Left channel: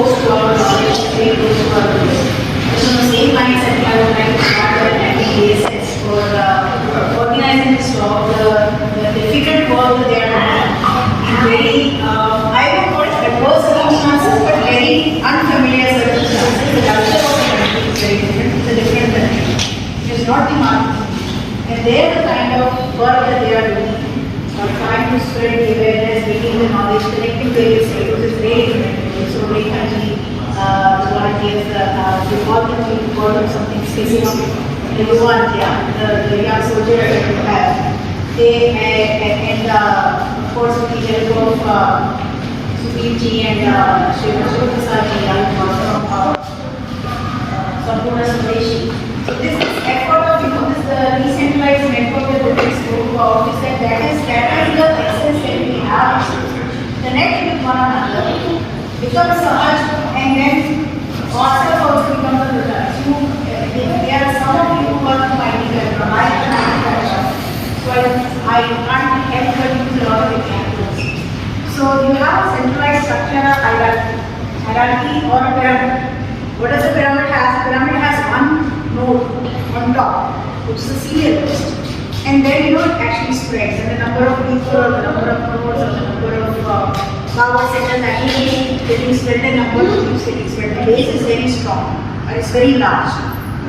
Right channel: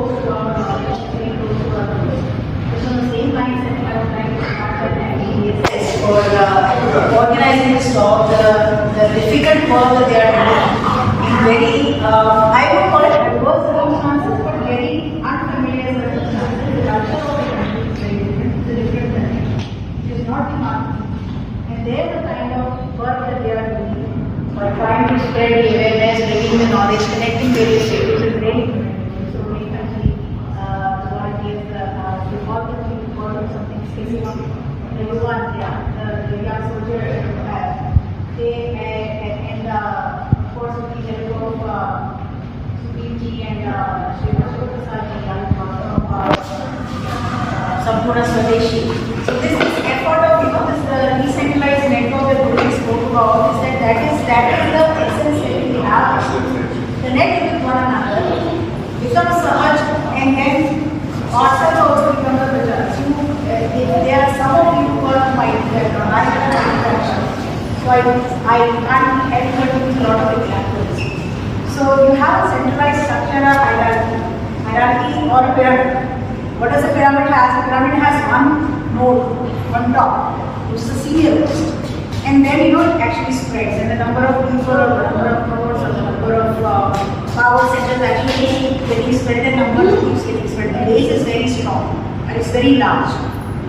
close to our knowledge, very close to our knowledge. So the same mindset I would like to start at ASS for organizing this talk, the difficult work that they are doing in very, I would call it adverse circumstances, but very unfamiliar circumstances. The culture of the country is very different. It's a different country. It is not the market. And they are the kind of work that they are doing, trying to spread the awareness, bringing the knowledge, connecting various people is very different. So very kindly, volunteers, we call them something specific. The young soldiers that we have. They, and of course with the help of Sudeepji and Shri Prasad ji from Sampurna Swadeshi. So this effort of this decentralized network that we spoke about is that is the essence that we have. Connect with one another, become Sahaj, and then ourselves also become the result. So there are some of you who are from IT background, I am from IT background, so I can't help but use a lot of examples. So you have a centralized structure, a hierarchy or a pyramid. What does a pyramid have? A pyramid has one node on top, which is the serial list. And then it actually spreads, and the number of people, or the number of nodes, or the number of power centers actually getting spread, the number keeps getting spread. The base is very strong, and it's very large.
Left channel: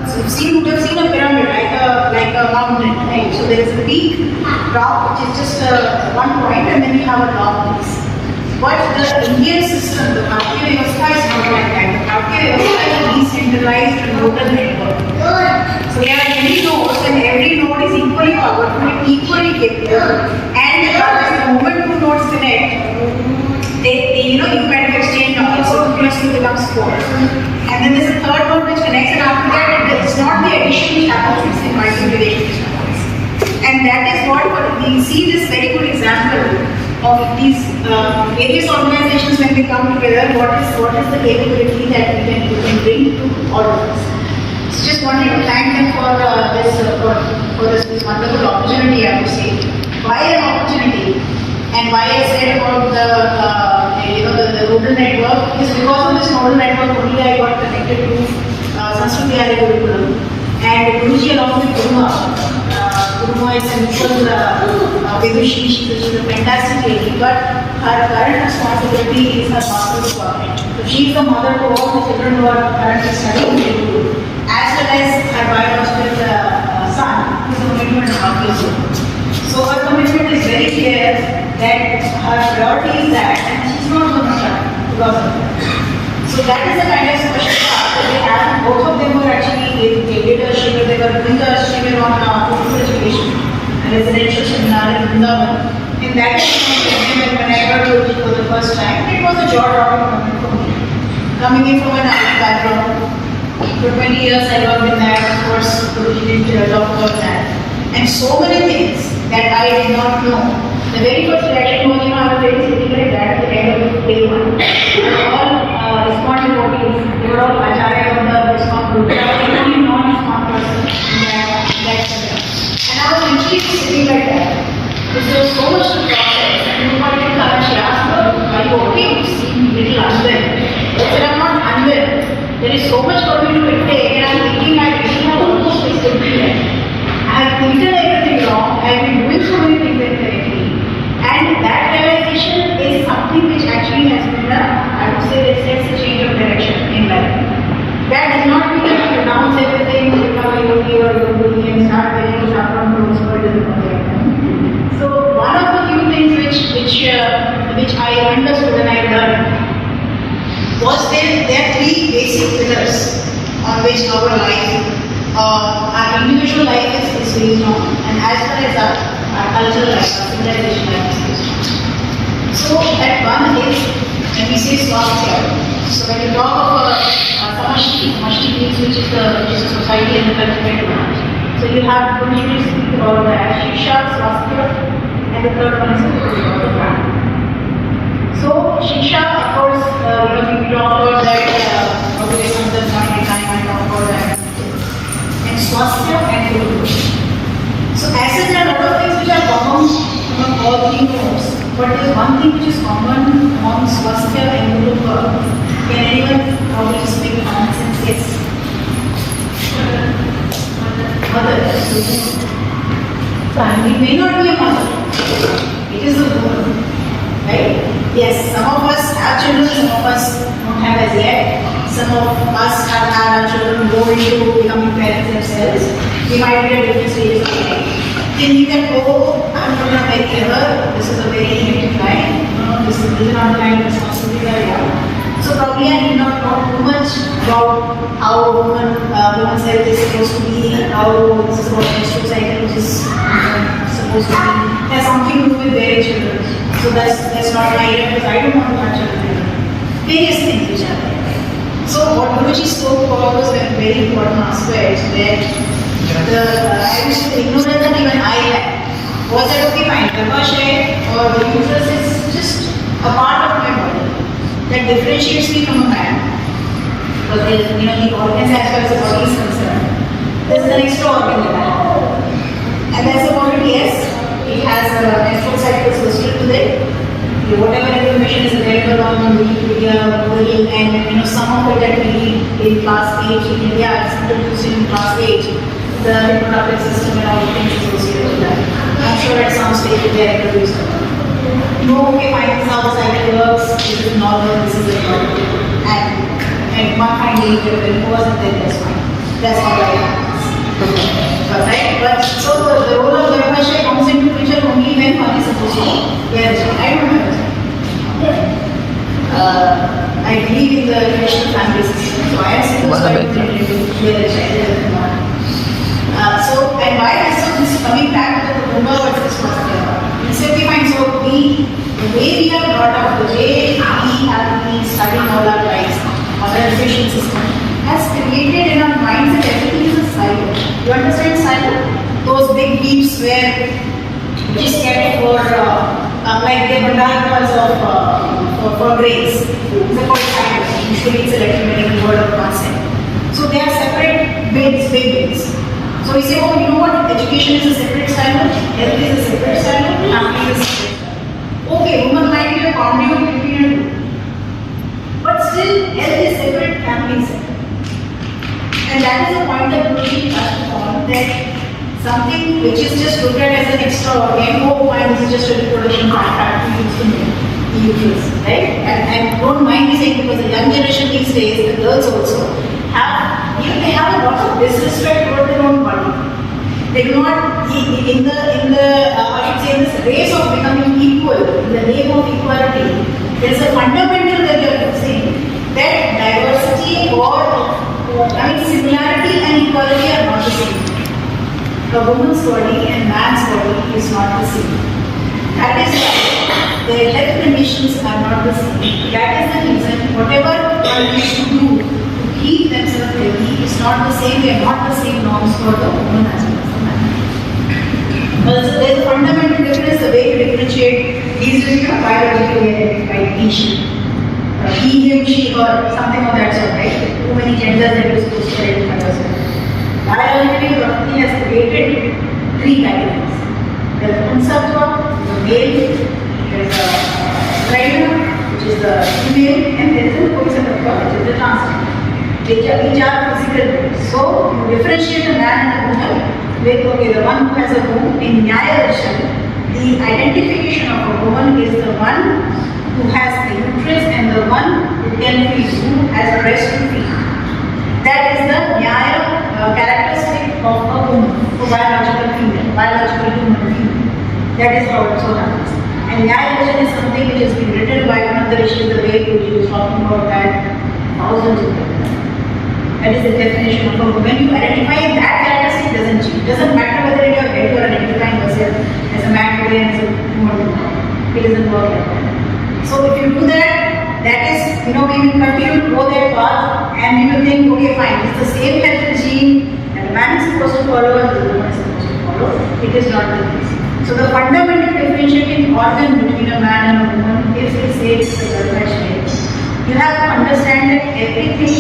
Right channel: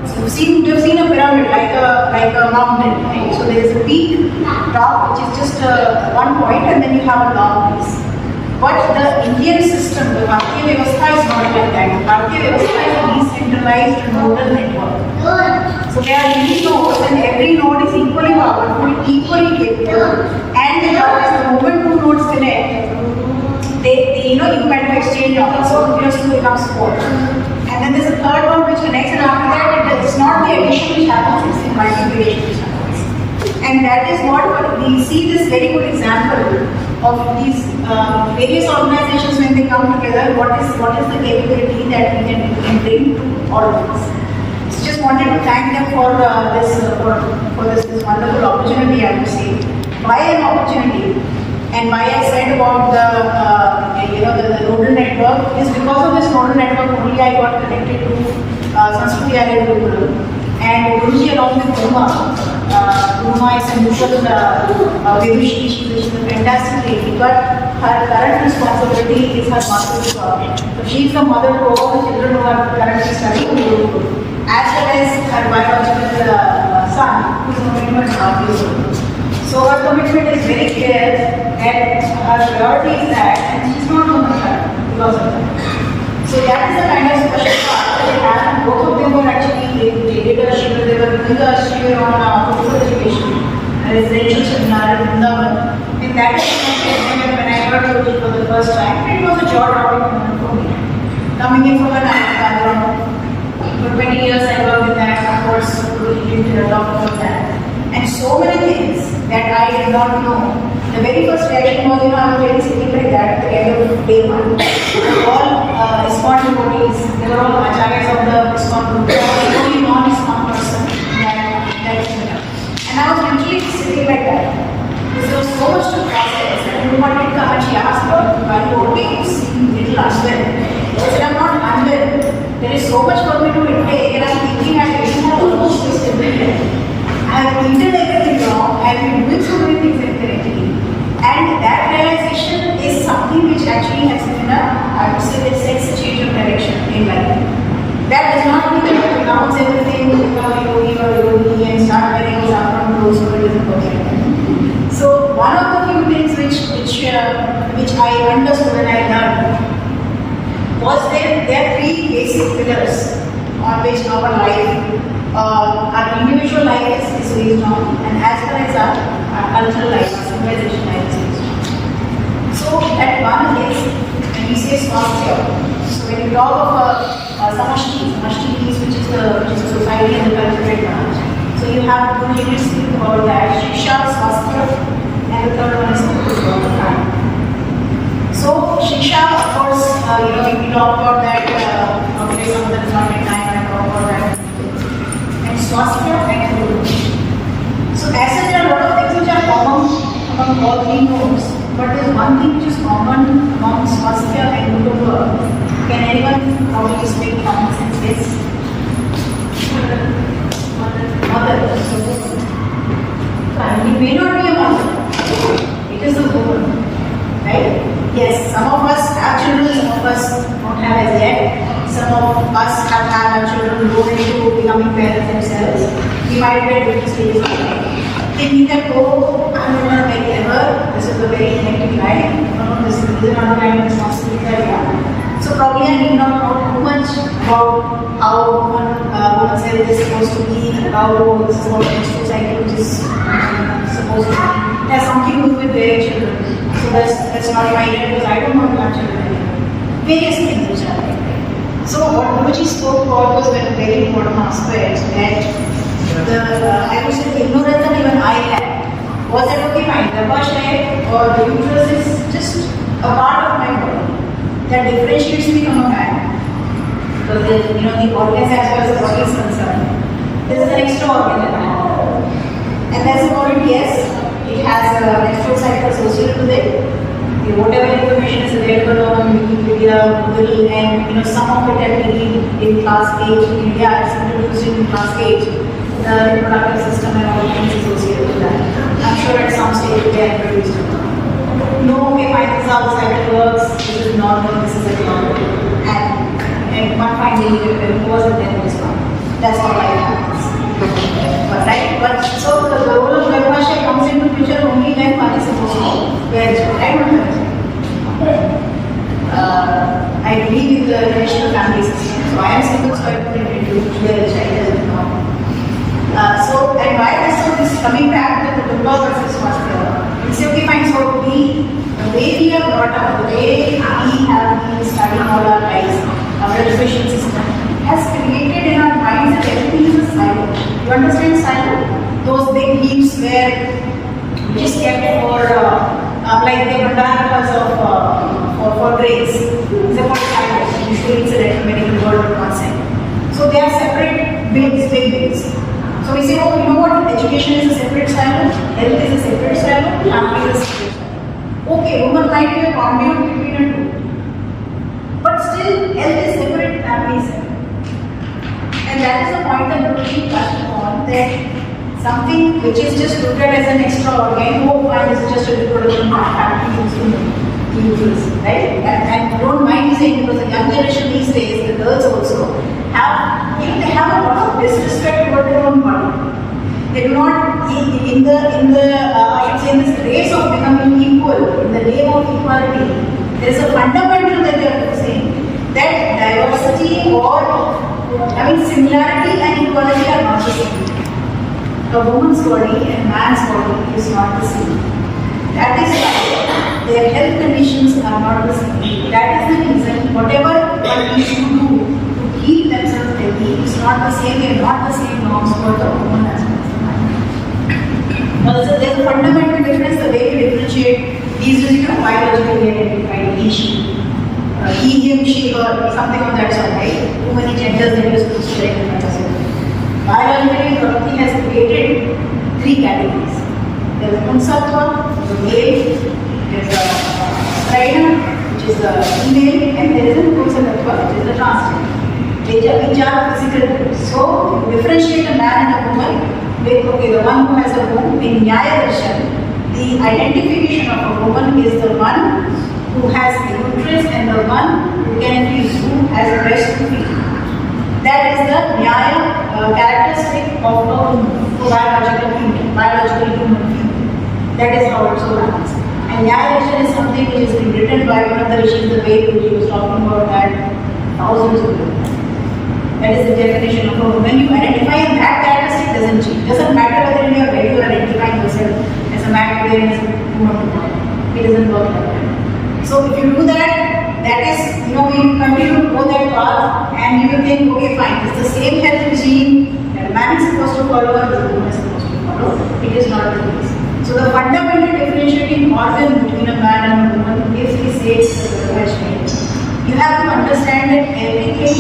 So you have seen a pyramid like a mountain, right? So there is a peak, top, which is just one point, and then you have a long base. But the Indian system, the Bharatiya Vyavastha is not like that. The Bharatiya Vyavastha is a decentralized nodal network. So there are many nodes, and every node is equally powerful, equally capable, and the moment two nodes connect, they you kind of exchange knowledge. So 2 plus 2 becomes 4. And then there's a third one which connects, and after that, it's not the addition which happens, it's the multiplication which happens. And that is what we see this very good example of these various organizations when they come together. What is the capability that we can bring to all of us? So just wanted to thank them for this wonderful opportunity, I would say. Why an opportunity? And why I said about the nodal network is because of this nodal network only I got connected to Sanskriti Arya Gurukul. And Guruji along with Uma is a mutual Vedushi. She's a fantastic lady, but her current responsibility is her master's project. She is the mother to all the children who are currently studying Gurukul, as well as her biological son, who is a 21.5 years old. So her commitment is very clear that her priority is that, and she's not going to shut because of that. So that is the kind of special part that they have. Both of them were actually, they did a Shriva, they were doing a Shriva on full education, a residential seminar in Vrindavan. And that is when I got to it for the first time, it was a jaw-dropping moment for me. Coming in from an IT background, for 20 years I worked in that, of course, we didn't talk about that. And so many things that I did not know. The very first reaction was, I'm very sitting like that at the end of day one. We're all ISKCON devotees, we're all Acharyas of the ISKCON group. I was the only non-ISKCON person in that area. And I was literally sitting like that. There was so much to process. And we wanted to come and she asked, are you okay? You seem a little unwell. I said, I'm not unwell. There is so much for me to prepare, and I'm thinking I really have to watch this today. I've eaten everything wrong, I've been doing so many things incorrectly. And that realization is something which actually has been I would say that sets a change of direction in life. That does not mean that you announce everything, now you or you and start getting what's happening to those world isn't perfect. So one of the few things which I understood and I learned was there are 3 basic pillars on which our life, our individual life is based on, and as well as our cultural life, our civilization life is based on. So that one is, when we say swasthya, so when you talk of samashti means which is a society and cultural one. So you have 2 units about that, shiksha, swasthya, and the third one is about the family. So shiksha, of course, we talk about that, probably some of the time I talk about that. And swasthya and Gurukul. So as such, there are a lot of things which are common among all 3 nodes, but there is one thing which is common among swasthya and Gurukul. Can anyone have children, some of us don't have as yet. Some of us have had our children go into becoming parents themselves. We might be at different stages of life. Thinking that, oh, I'm not going to very clever, this is a very negative line, these are not the line of responsibility that I want. So probably I need not know too much about how women's health is supposed to be, how this is what menstrual cycle is supposed to be. There's something to do with their children. So that's not my idea because I don't want to have children. Various things which are there. So what Guruji spoke about was a very important aspect that I wish the ignorance that even I had was that okay fine, the Garbhashay or the uterus is just a part of my body that differentiates me from a man. Because the organs as far as the body is concerned, there's an extra organ in man. And that's the point, yes, it has a menstrual cycle associated with it. Whatever information is available on Wikipedia, Google, and some of it that we read in class 8 in India is introduced in class 8, the reproductive system and all the things associated with that. I'm sure at some stage they are introduced. Okay, fine, this is how the cycle works, this is normal, this is abnormal. And one finding it wasn't there this one. That's all I have. But so the role of Garbhashay comes into picture only when one is supposed to be. I don't know. I believe in the traditional family system, so I am supposed to be the child. So, and why this coming back to the Gurukul versus Master? He said, okay, fine, so the way we are brought up, the way we have been studying all our lives, our education system, has created in our minds that everything is a silo. You understand silo? Those big heaps where you just kept for like the bandaras for grains. These are called silos. Usually it's electromagnetic word or concept. So they are separate bins, big bins. So we say, oh, you know what? Education is a separate silo, health is a separate silo, family is a separate silo. Okay, woman might be a conduit between the two. But still, health is separate, family is separate. And that is the point that Guruji touched upon, that something which is just looked at as an extra organ, and this is just a reproduction part, to use in uterus, right? And don't mind me saying, because the young generation these days, the girls also, they have a lot of disrespect toward their own body. They do not, in this race of becoming equal, in the name of equality, there is a fundamental that they are saying, that diversity or similarity and equality are not the same. A woman's body and man's body is not the same. That is why their health conditions are not the same. That is the reason whatever they should do to keep themselves healthy is not the same. They are not the same norms for the woman as well as the man. So there is a fundamental difference. The way we differentiate these is biologically identified each. He, him, she, her, something of that sort, right? Too many genders that you're supposed to identify yourself. Biologically, Pragati has created 3 categories. There is Punsattva, which is the male, there is a Strina, which is the female, and there is a Pumsattva, which is the transgender. Each are physical beings. So, you differentiate a man and a woman with, okay, the one who has a womb. In Nyaya Darshan, the identification of a woman is the one who has a uterus and the one who can feed, who has a breast to feed. That is the Nyaya characteristic of a woman, a biological female, biological human female. That is how it so happens. And Nyaya Darshan is something which has been written by one of the rishis, the way Guruji was talking about that thousands of years. That is the definition of a woman. When you identify that characteristic, it doesn't change. It doesn't matter whether in your head you are identifying yourself as a man today and as a woman tomorrow. It doesn't work like that. So if you do that, that is, we will continue to go that path and we will think, okay, fine, it's the same health regime that a man is supposed to follow and the woman is supposed to follow. It is not the case. So the fundamental differentiating organ between a man and a woman, if we say it's the Garbhashay, you have to understand that everything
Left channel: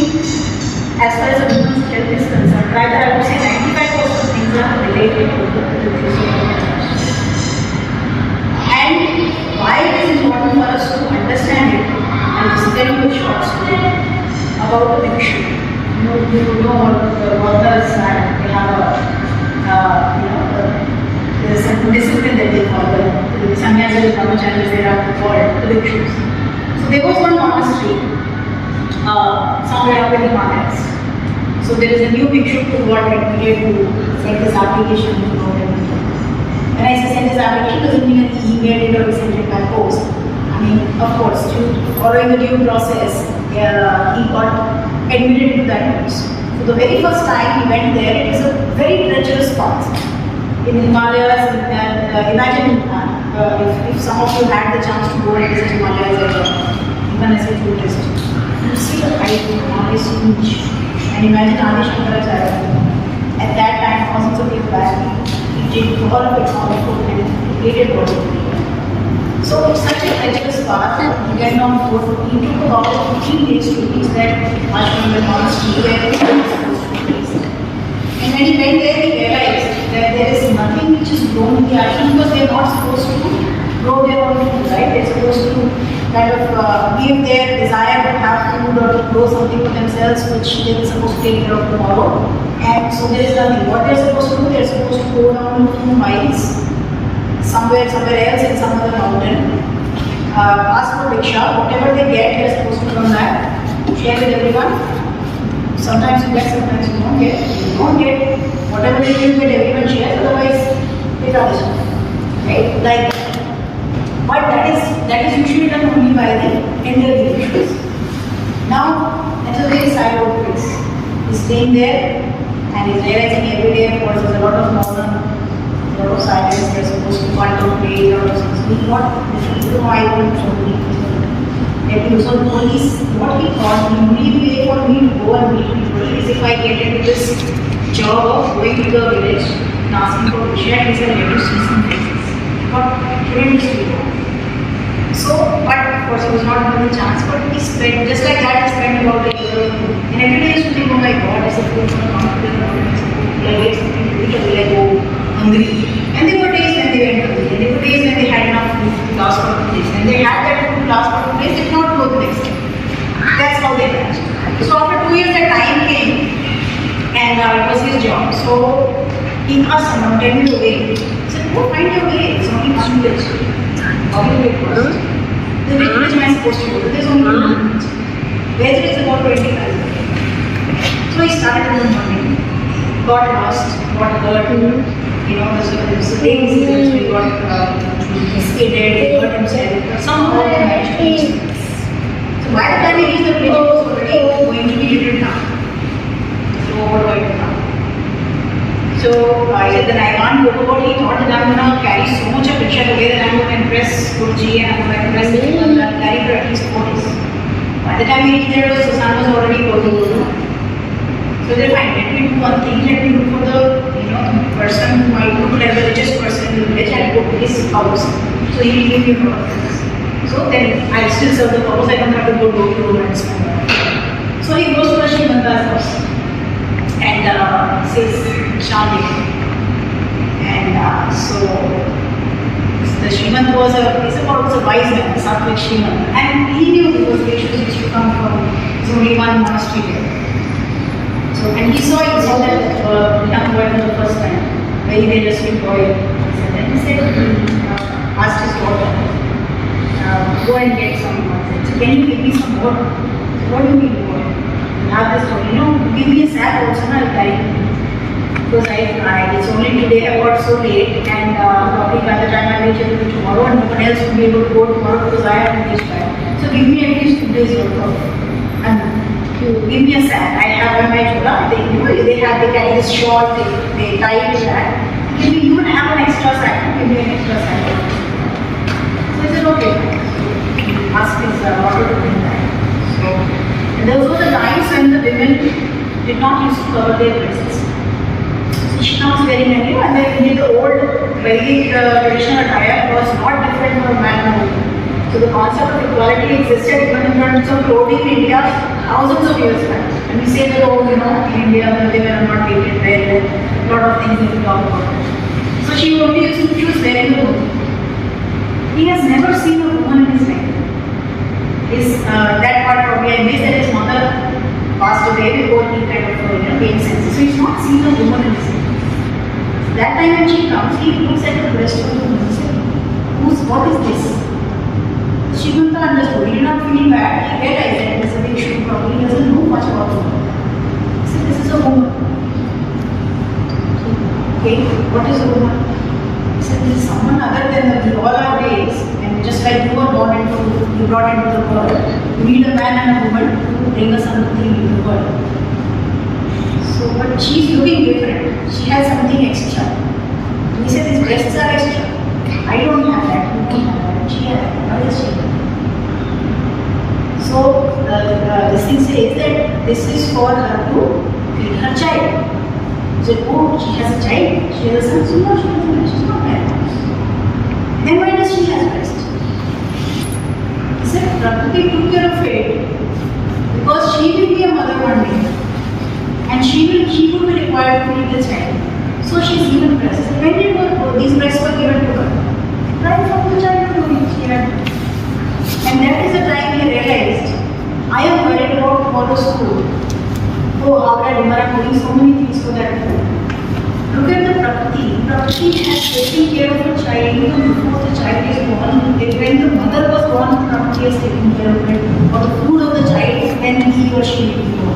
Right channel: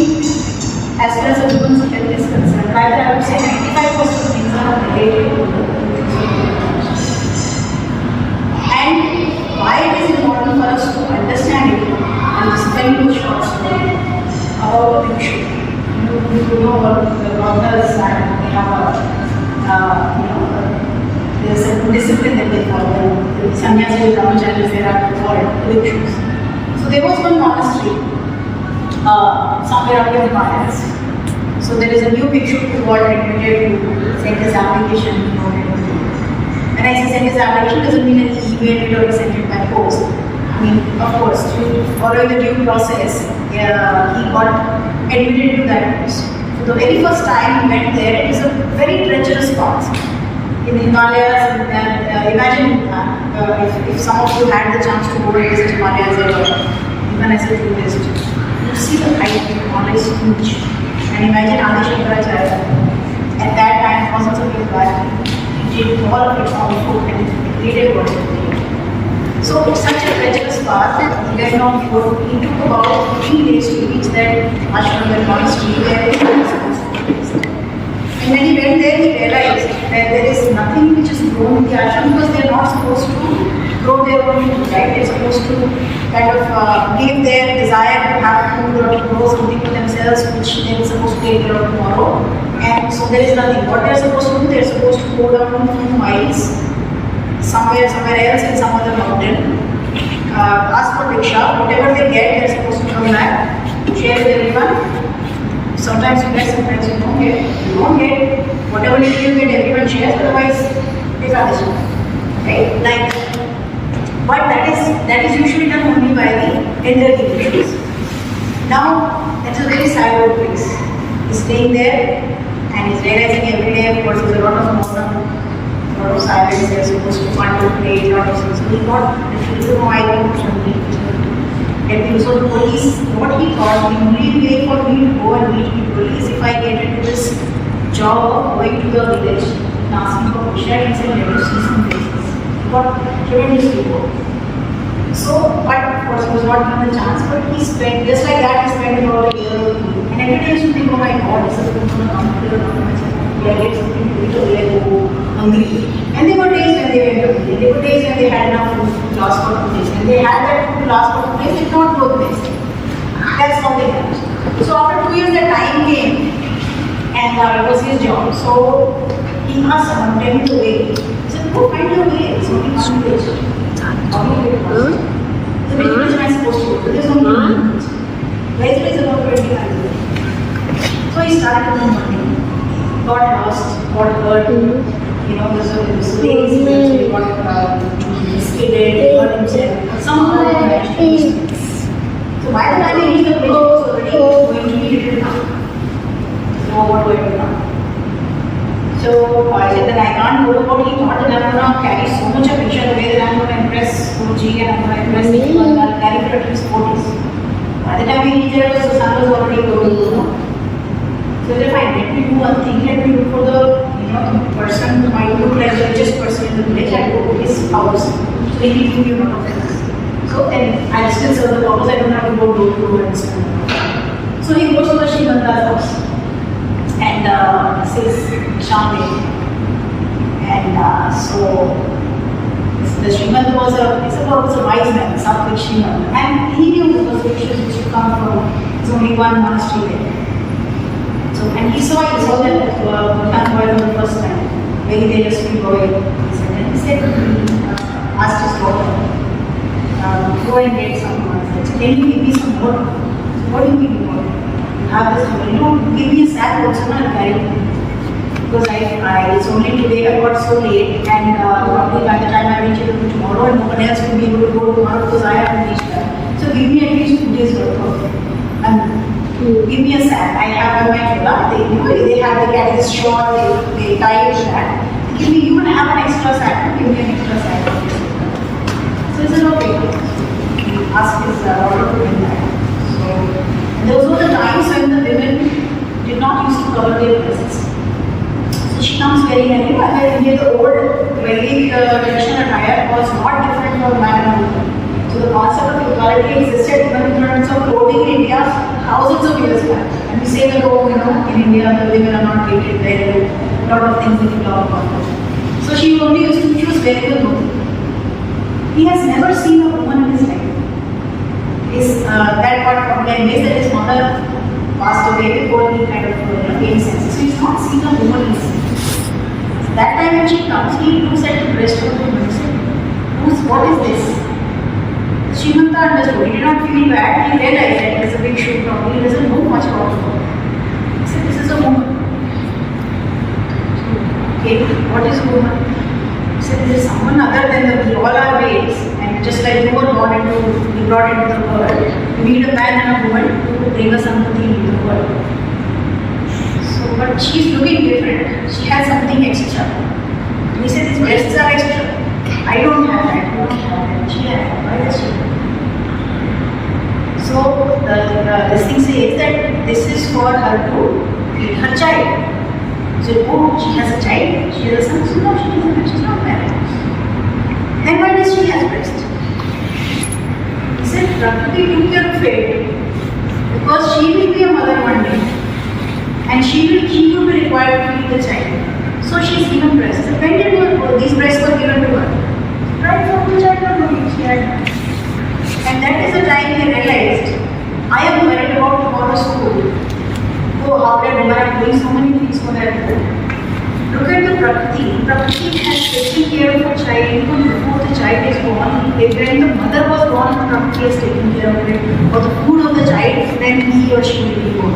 as far as a woman's health is concerned, rather I would say 95% of things are related to the and why it is important for us to understand it, I'll just tell you a short story about the bhikshu. You know what the Gaudars and they have there's a discipline that they follow. The sannyasins, brahmacharis, they are called the bhikshus. So there was one monastery somewhere up in the Himalayas. So there is a new bhikshu who got admitted to send his application. When I say send his application, doesn't mean that he emailed it or he sent it by post. I mean, of course, following the due process, he got admitted to that post. So the very first time he went there, it was a very treacherous path in the Himalayas. Imagine if some of you had the chance to go and visit Himalayas, even as a tourist, you see the height of the Himalayas is huge. And imagine Adi Shankaracharya. At that time, thousands of years back, he did all of it on foot and he created what he created. So it's such a treacherous path. He went on foot. He took about 15 days to reach that ashram or monastery where he was supposed to be. And when he went there, he realized that there is nothing which is grown in the ashram because they are not supposed to grow their own food, right? They're supposed to kind of give their desire to have food or to grow something for themselves which they're supposed to take care of tomorrow. And so there is nothing. What they're supposed to do, they're supposed to go down 2 miles somewhere else in some other mountain, ask for rickshaw, whatever they get, they're supposed to come back, share with everyone. Sometimes you get, sometimes you don't get. You don't get, whatever you get, everyone shares, otherwise they can't do it. Right? Like, but that is usually done only by the elderly bhikshus. Now, that's a very sad old place. He's staying there and he's realizing every day, of course, there's a lot of mourning, a lot of silence, they're supposed to fun to play, a lot of things. He got the feeling, I don't know something. So the police, what he thought, the only way for me to go and meet people is if I get into this job of going to the village and asking for Krishna and saying, let you see some places. But tremendously go. So, but of course, he was not given the chance, but he spent, just like that, he spent about a year or 2. And every day he used to think, oh my God, this is going to come to the will I get something to eat or will I go hungry? And there were days when they went to eat, and there were days when they had enough food to last for 2 days. And they had that food to last for 2 days, if not both days. That's how they managed. So after 2 years, the time came, and it was his job. So he asked someone, tell me the way. He said, go find your way. It's only 1 village. How do you get lost? The village am I supposed to go? There's only 1 village. Where is about 20 miles away. So he started in the morning, got lost, got hurt, you know, the days he got skidded, hurt himself, somehow he managed to reach the place. So by the time he reached the place, he was already going to be little down. So what do I do now? So I said that I can't go to God. He thought that I'm going to carry so much of picture away that I'm going to impress Guruji and I'm going to impress people and I'll carry for at least 4 days. By the time we reached there, the sun was already going. So they're fine, let me do one thing, let me look for the person who might look like the richest person in the village. I'll go to his house. So he'll give me a lot of things. So then I still serve the purpose, I don't have to go door to door and spend. So he goes to the Srimanta's house and says, Shamde. And so the Srimant was a wise man, Sattvic Srimant. And he knew it was ratios which you come from. It's only one monastery there. So, and he saw it more than the first time, very dangerous to go in. So then he said, asked his daughter, go and get some more. So can you give me some more? So what do you mean more? You have this more, give me a sack also and I'll carry it. Because it's only today I got so late and probably by the time I reach it tomorrow and no one else will be able to go tomorrow because I have to reach back. So give me at least 2 days worth of it. And give me a sack. I have on my chula, they carry this short, they tie it to that. Give me, you would have an extra sack, give me an extra sack. So he said, okay. He asked his daughter to bring that. So, and those were the times when the women did not used to cover their breasts. So she comes wearing a new, and then in the old, very traditional attire was not different for man and woman. So the concept of equality existed even in terms of clothing in India thousands of years back. And we say that, oh, in India the women are not treated well, and a lot of things we talk about that. So she only used to choose very good women. He has never seen a woman in his life. That part probably I missed that his mother passed away before he kind of gained sense. So he's not seen a woman in his life. That time when she comes, he looks at the breast of the woman and says, what is this? Srimanta understood. He did not feel bad. He realized that it is a big shoe problem. He doesn't know much about the world. He said, this is a woman. Okay, what is a woman? He said, this is someone other than we all are males. And just like you were brought into the world, we need a man and a woman to bring us something into the world. So, but she's looking different. She has something extra. He said, these breasts are extra. I don't have that. You don't have that. She has that. Why does she have that? So, this thing says that this is for her to feed her child. So, oh, she has a child. She has a son. So, no, she doesn't have. She's not married. Then why does she have breast? He said, Prakriti took care of it because she will be a mother one day. And she will be required to feed the child. So she is given breast. When did these breasts were given to her? Right from the childhood she had. And that is the time he realized, I am worried about tomorrow's food. Oh, how that woman are doing so many things for that food. Look at the Prakriti. Prakriti has taken care of the child even before the child is born. When the mother was born, Prakriti has taken care of it. Or the food of the child when he or she will be born.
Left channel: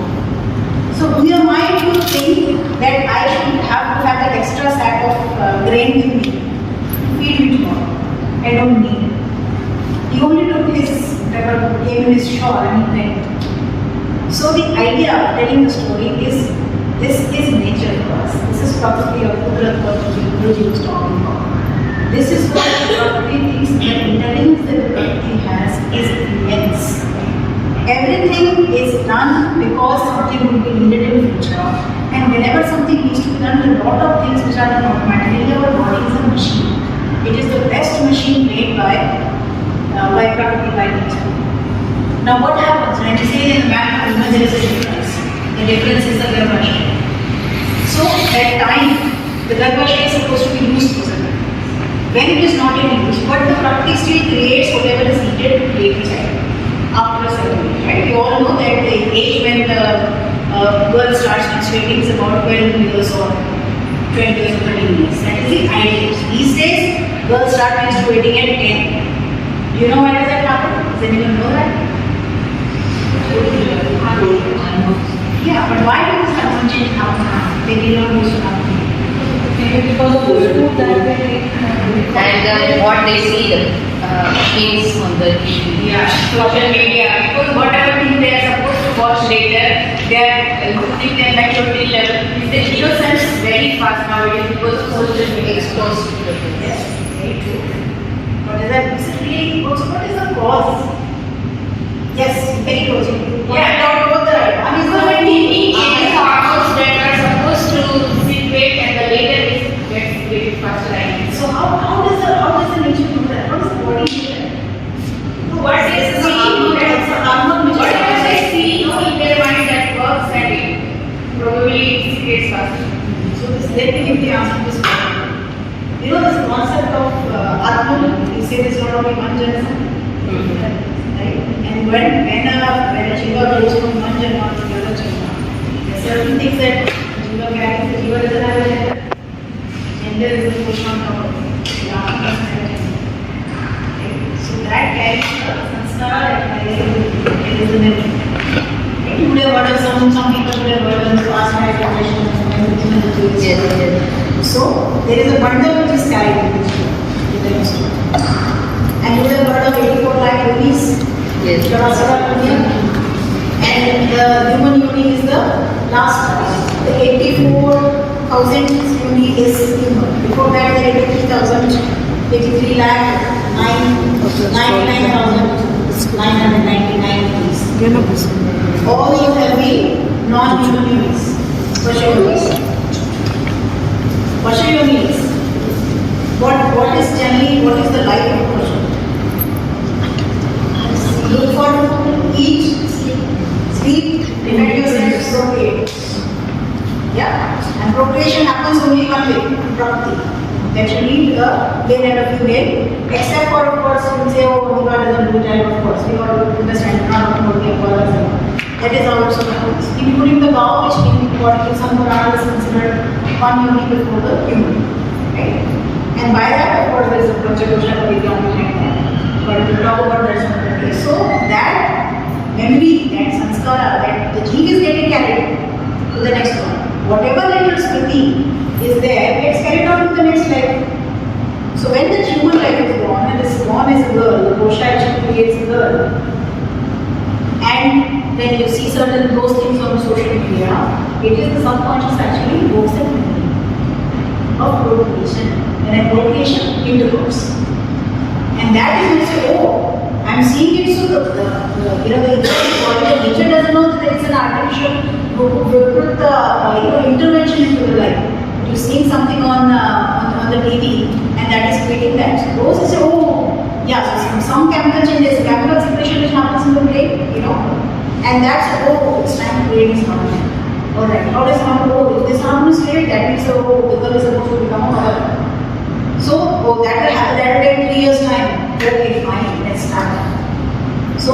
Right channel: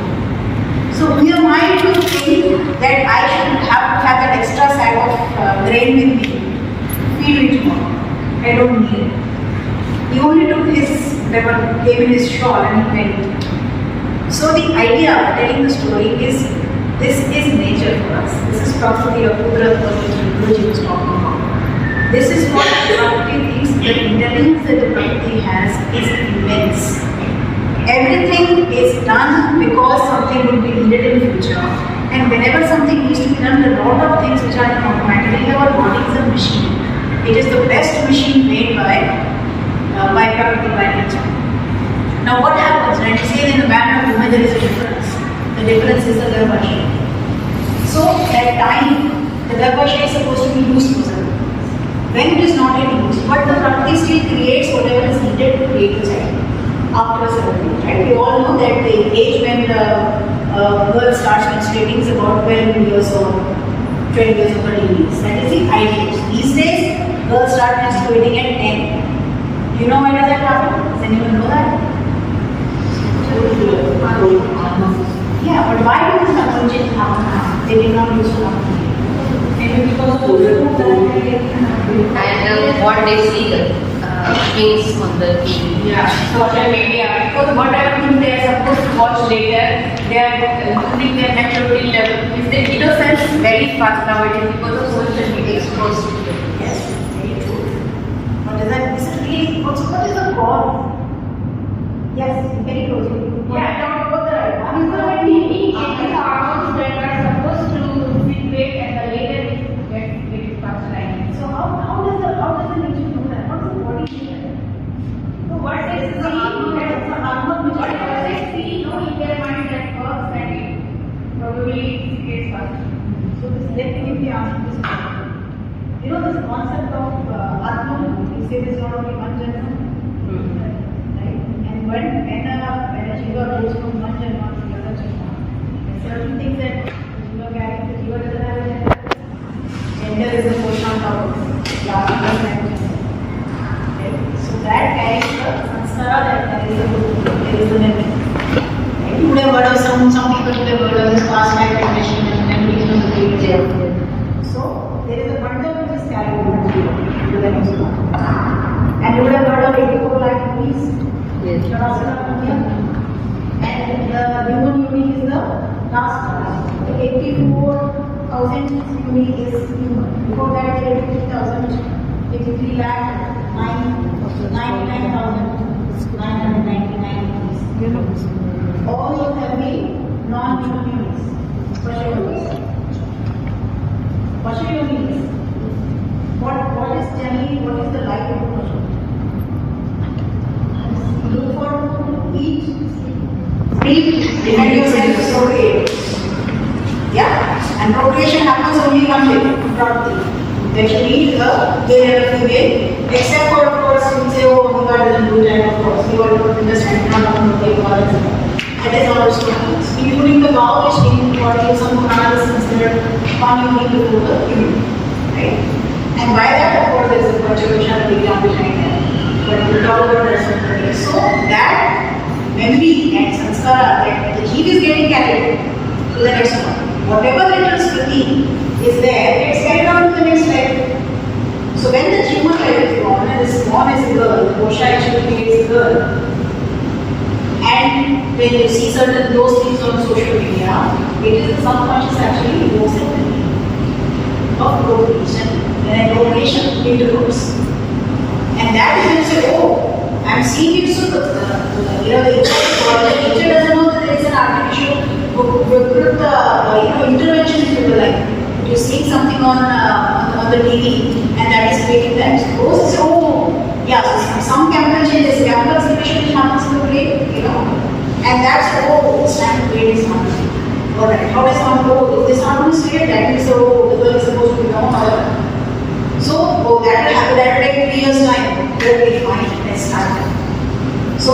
So we are mind to think that I should have to have that extra sack of grain with me to feed me tomorrow. I don't need it. He only took his pepper, came in his shawl and he went. So the idea of telling the story is, this is nature for us. This is Prakriti or Kudrat what Guruji was talking about. This is what Prakriti thinks. The intelligence that the Prakriti has is immense. Everything is done because something will be needed in future. And whenever something needs to be done, there are a lot of things which are done automatically. Our body is a machine. It is the best machine made by Prakriti, by nature. Now what happens when you say in the man and woman there is a difference? The difference is the garbhashay. So at time, the garbhashay is supposed to be used for something. When it is not in use, but the Prakriti still creates whatever is needed to create the child. After a certain age, right? We all know that the age when the girl starts menstruating is about 12 years or 12 years or 13 years. That is the ideal. These days, girls start menstruating at 10. Do you know when does that happen? Does anyone know that? Yeah, but why does that change happen now? They did not used to happen. Maybe because food and what they see the things on the TV. Yeah, social media. Because whatever thing they are supposed to watch later, they are losing their maturity level. The innocence is very fast nowadays because of social media exposed. Yes, very true. But is that really also what is the cause? Yes, very close. Yeah, Talk about the one is because the when we eat any hormones that are supposed to sit wait and the later is get faster. So how does the nature do that? How does the body do that? So what they see, It's a hormone which whatever they see, in their mind that works and it probably creates faster. So let me give the answer to this question. You know this concept of Atman, you say this not only one janma, right? And when a jiva goes from one janma to the other janma, there are certain things that jiva carries, the jiva doesn't have a gender. Gender is a portion of Lama is a gender. So that carries a sanskara and carries a memory. Right? You would have heard of some people would have heard of this past life regression and memories from the previous life. So there is a bundle which is carried in the jiva, to the next one. And you would have heard of 84 lakh yogis. Yes. And the human yoni is the last one. The 84,000 yoni is human. Before that, the 83,000, 83 lakh, 99,999 yonis. All these have been non-human yonis. Pasha yonis. Pasha yonis. What is the life of Pasha? Look for food, eat, sleep, defend yourself, procreate. Yeah? And procreation happens only one way, Prakriti. That you need a male and a female, except for, of course, you say, oh, Mehulbhai doesn't do it, and of course, we all understand, not about the Acharya. That is how it happens. Including the cow, which according to some Puranas is considered one unit before the human. Right? And by that, of course, there is a Panchadosha Parigram behind that. but we'll talk about the rest of the day. So that memory and sanskara, that the jeev is getting carried to the next one. Whatever little smriti is there, gets carried on to the next life. So when the human life is born, and is born as a girl, the Kosha actually creates a girl, and then you see certain those things on social media, it is the subconscious actually evokes a memory of procreation, and a procreation intercourse. And that is when you say, oh, I'm seeing it, so the nature doesn't know that there is an artificial intervention into the life. You're seeing something on the TV, and that is creating that. So those say, oh, yeah, so some chemical changes, chemical secretion which happens in the brain, and that's, oh, it's time to create this harmony. Alright, how does someone go? If this harmony is created, that means, oh, the girl is supposed to become a mother. So, oh, that will happen, that will take 3 years' time. Okay, fine, let's start. So,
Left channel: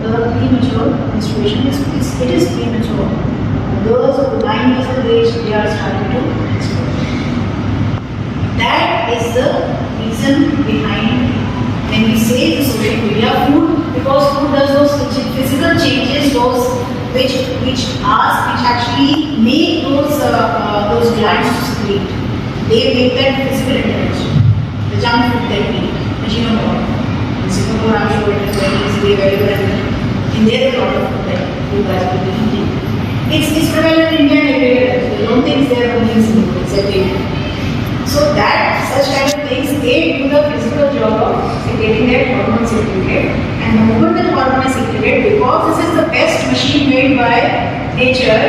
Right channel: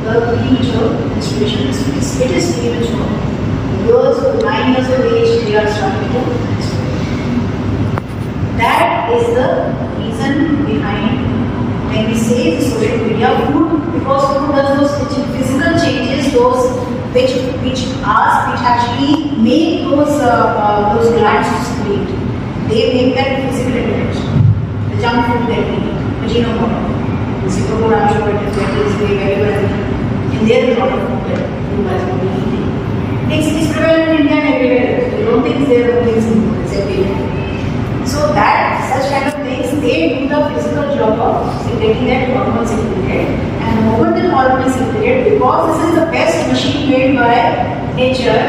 the premature menstruation is premature. The girls of 9 years of age, they are starting to menstruate. That is the reason behind when we say the social media food, because food does those physical changes, those which actually make those glands to secrete. They make that physical intervention. The junk food they eat, the genome water. The Gurukulam is very well. In there, a lot of food that you guys will be eating. It's prevalent in India everywhere. You don't think there only in Singapore, it's everywhere. So that such kind of things, they do the physical job of getting that hormone secreted. And the moment the hormone is secreted, because this is the best machine made by nature,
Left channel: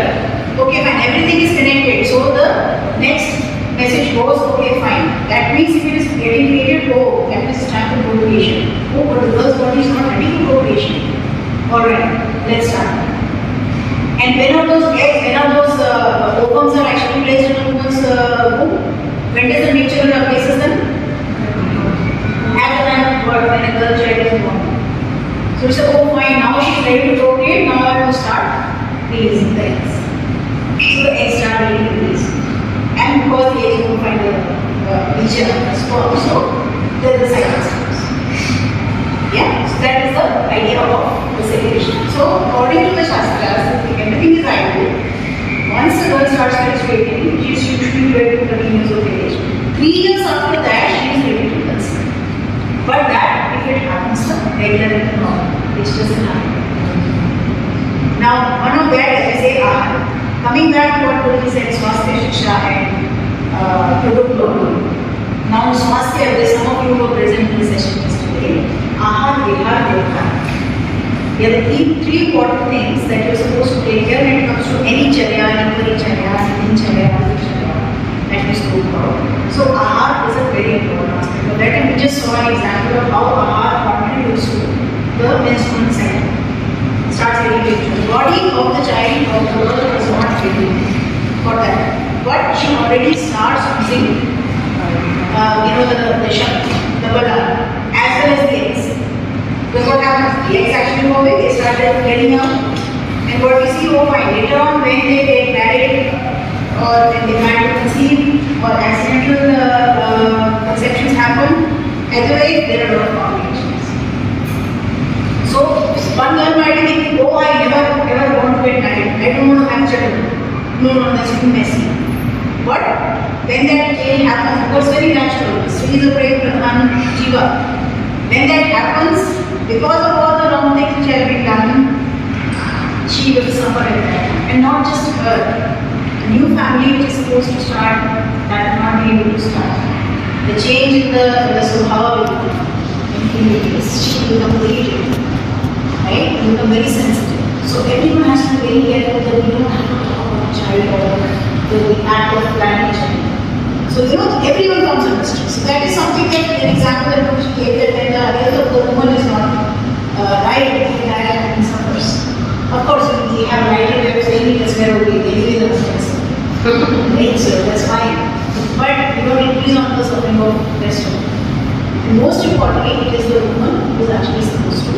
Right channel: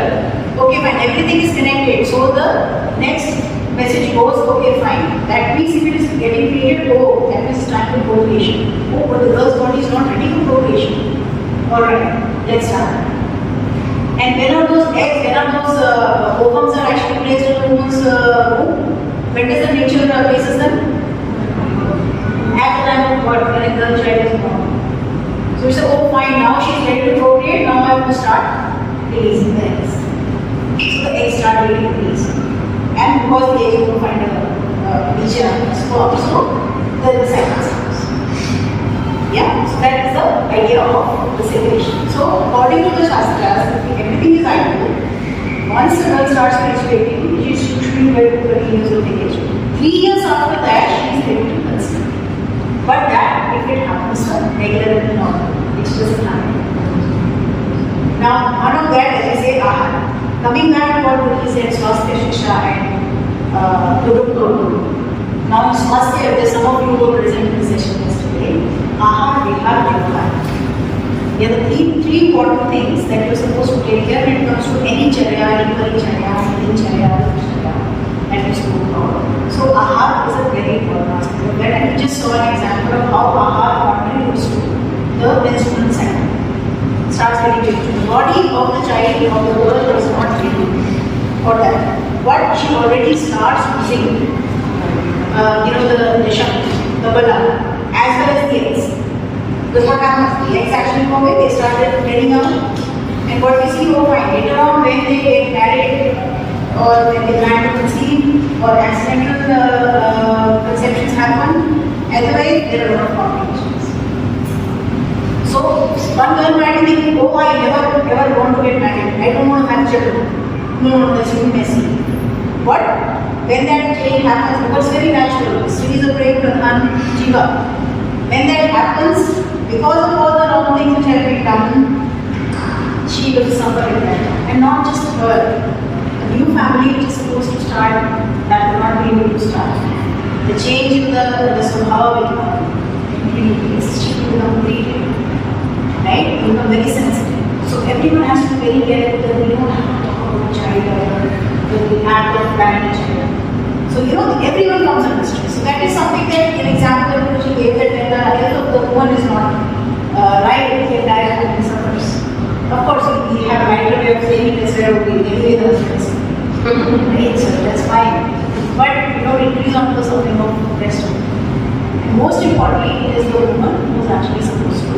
okay fine, everything is connected. So the next message goes, okay fine. That means if it is getting created, oh, that means it's time for procreation. Oh, but the girl's body is not ready for procreation. Alright, let's start. And when are those eggs, when are those ovums are actually placed in the woman's womb? When does the nature places them? At the time of birth, when a girl child is born. So you say, oh fine, now she is ready to procreate, now I have to start releasing the eggs. So the eggs start being released. And because the eggs don't find a region of sperm, so then the cycle starts. Yeah, so that is the idea of the secretion. So according to the Shastras, everything is ideal. Once the girl starts menstruating, she is usually ready to 13 years of age. 3 years after that, she is ready to conceive. But that, if it happens regular and normal, which doesn't happen. Now, one of that is, I say, coming back to what Gurukul said, Swasthya, Shiksha and Gurukul. Now, Swasthya, some of you were present in the session yesterday. Ahar, Vihar, Vyavhar. There are three important things that you're supposed to take care when it comes to any charya, dincharya, that you spoke about. So ahar is a very important aspect of that, and we just saw an example of how ahar contributes to the menstrual cycle. Starts getting the body of the child of the girl does not ready for that, but she already starts using the shakti, the bala, as well as the eggs. Because what happens? The eggs actually go away, they started heading out. And what we see over later on, when they get married, or when they try to conceive, or accidental conceptions happen, otherwise there are a lot of complications. So, one girl might think, oh, I never want to get married, I don't want to have children. No, that's too messy. But when that change happens, because it's very natural, Sri is a great Pradhan Jiva. When that happens, because of all the wrong things which have been done, she will suffer in that time. And not just her. A new family which is supposed to start, that will not be able to start. The change in the Subhava will come. She will become very different. Right? Will become very sensitive. So everyone has to be very careful that we don't have to talk about the child or the act of planning child. So everyone comes under stress. So that is something that an example which you gave, that when the health of the woman is not right, the entire woman suffers. Of course, we have a lighter way of saying it as well, we anyway the stress. Right? So that's fine. But increase on the suffering of destiny. And most importantly, it is the woman who is actually supposed to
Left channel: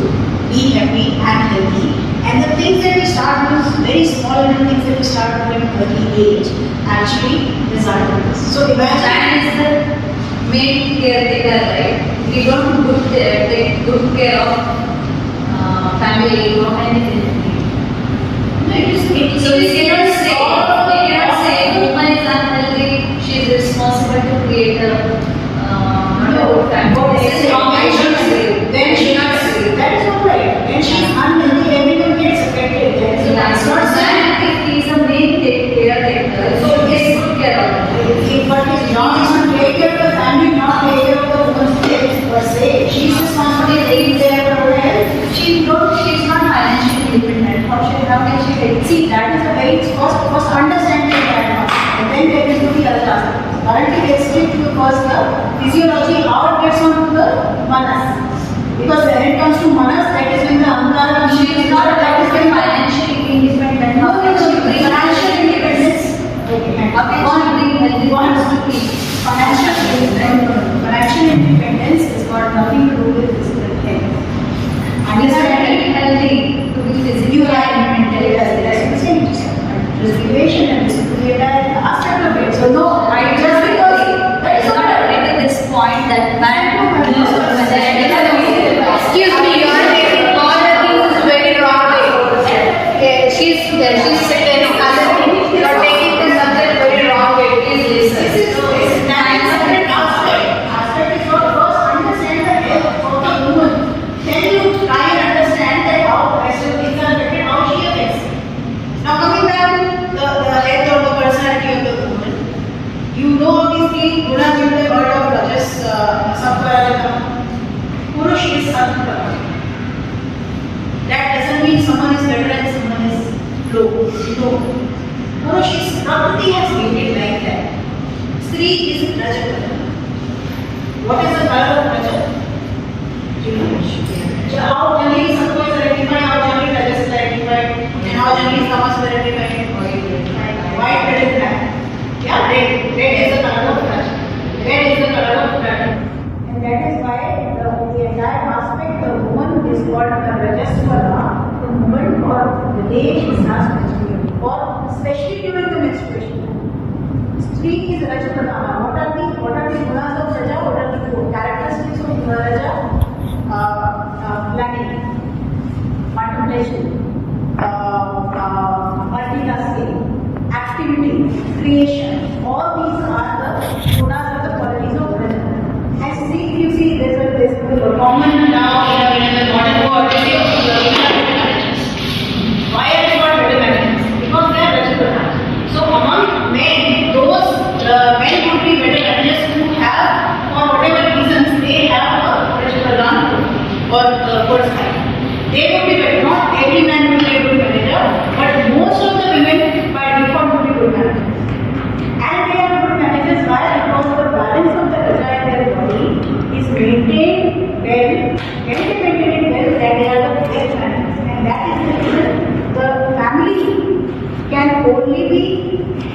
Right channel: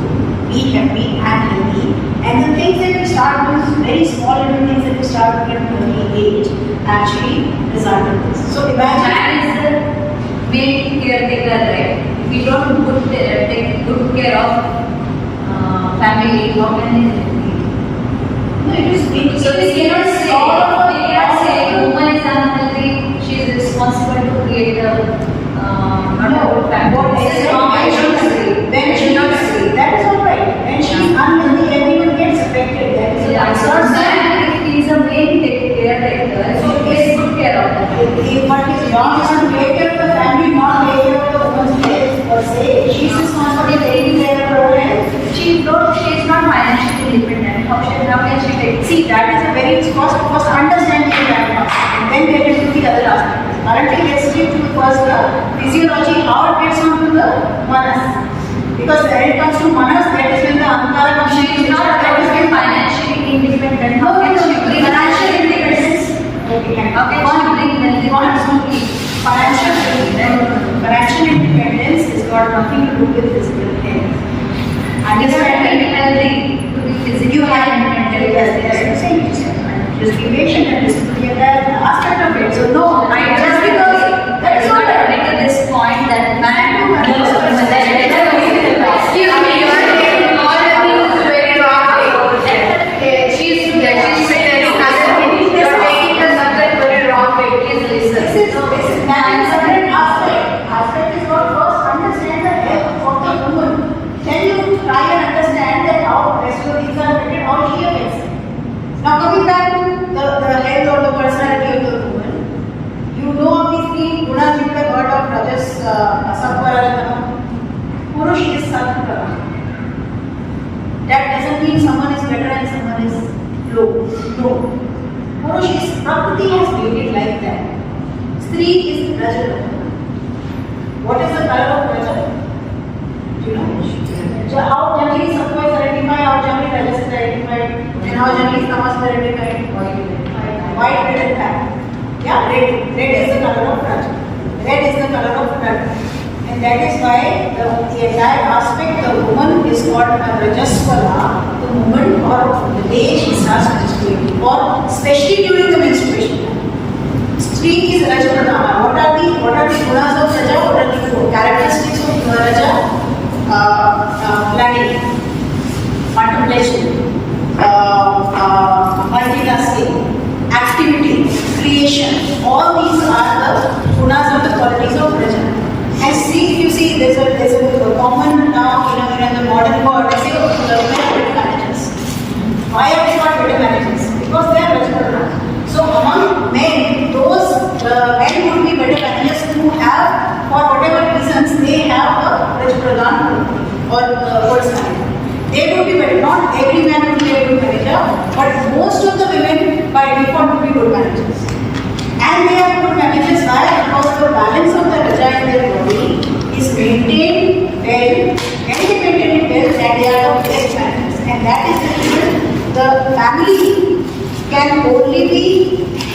be happy and healthy. And the things that we start with, very small little things that we start with at early age, actually result in this. So imagine man is the main caretaker, right? we don't take good care of family, how can it be? So we cannot say woman is unhealthy, she is responsible to create a family. This is wrong. I should say. Then she not say. That is not right. When she is unhealthy, everyone gets affected. That is So not man, if he is a main caretaker, so he takes good care of them. But his job is to take care of the family, not take care of the woman's health per se. She is responsible for taking care of her health. She is not financially independent. How can she take? See, that is a very first understanding right now. And then get into the other aspect. Currently, let's take to the first physiology, how it gets onto the manas. Because when it comes to manas, that is when the ankara She is not financially independent. How can she bring financial independence? Okay, How can she bring healthy financial independence has got nothing to do with physical health. Understand healthy to be physically You have independent, just be patient and this will be a aspect of it. So no, I just because that is not at this point that man knows Excuse me, you are taking all the things very wrong way. Okay, she's saying you are taking the subject very wrong way. Please listen. This is separate aspect is what first understand the health of the woman. Then you try and understand that how rest of things are affected, how she affects. Now coming back to the health or the personality of the woman, you know obviously gunas you have heard of Rajas Sattva, Purush is Sattva. That doesn't mean someone is better and someone is low. No. Purush is Prakriti has made it like that. Stree is Raja. What is the color of Raja? Do you know? How generally Sattva is identified, how generally Rajas is identified, and how generally Tamas is identified? White, red, and black. Yeah, red. Red is the color of Raja. Red is the color of blood. And that is why the entire aspect of the woman is called a Rajaswala, the moment or the day she starts menstruating, or especially during the menstruation. Stree is Rajapradana. What are the gunas of Raja? What are the four characteristics of Raja? Planning, contemplation, multitasking, activity, creation. All these are the gunas or the qualities of Raja. And see, you see, there's a common now in the modern world. They say, oh, the women are better managers. Why are they not better managers? Because they are Rajapradana. So among men, those men would be better managers who have, for whatever reasons, they have a Rajapradana or personality. They would be better. Not every man would be a good manager, but most of the women by default would be good managers. And they are good managers why? Because the balance of the Raja in their body is maintained well, maintained well, that they are the best managers. And that is the reason the family can only be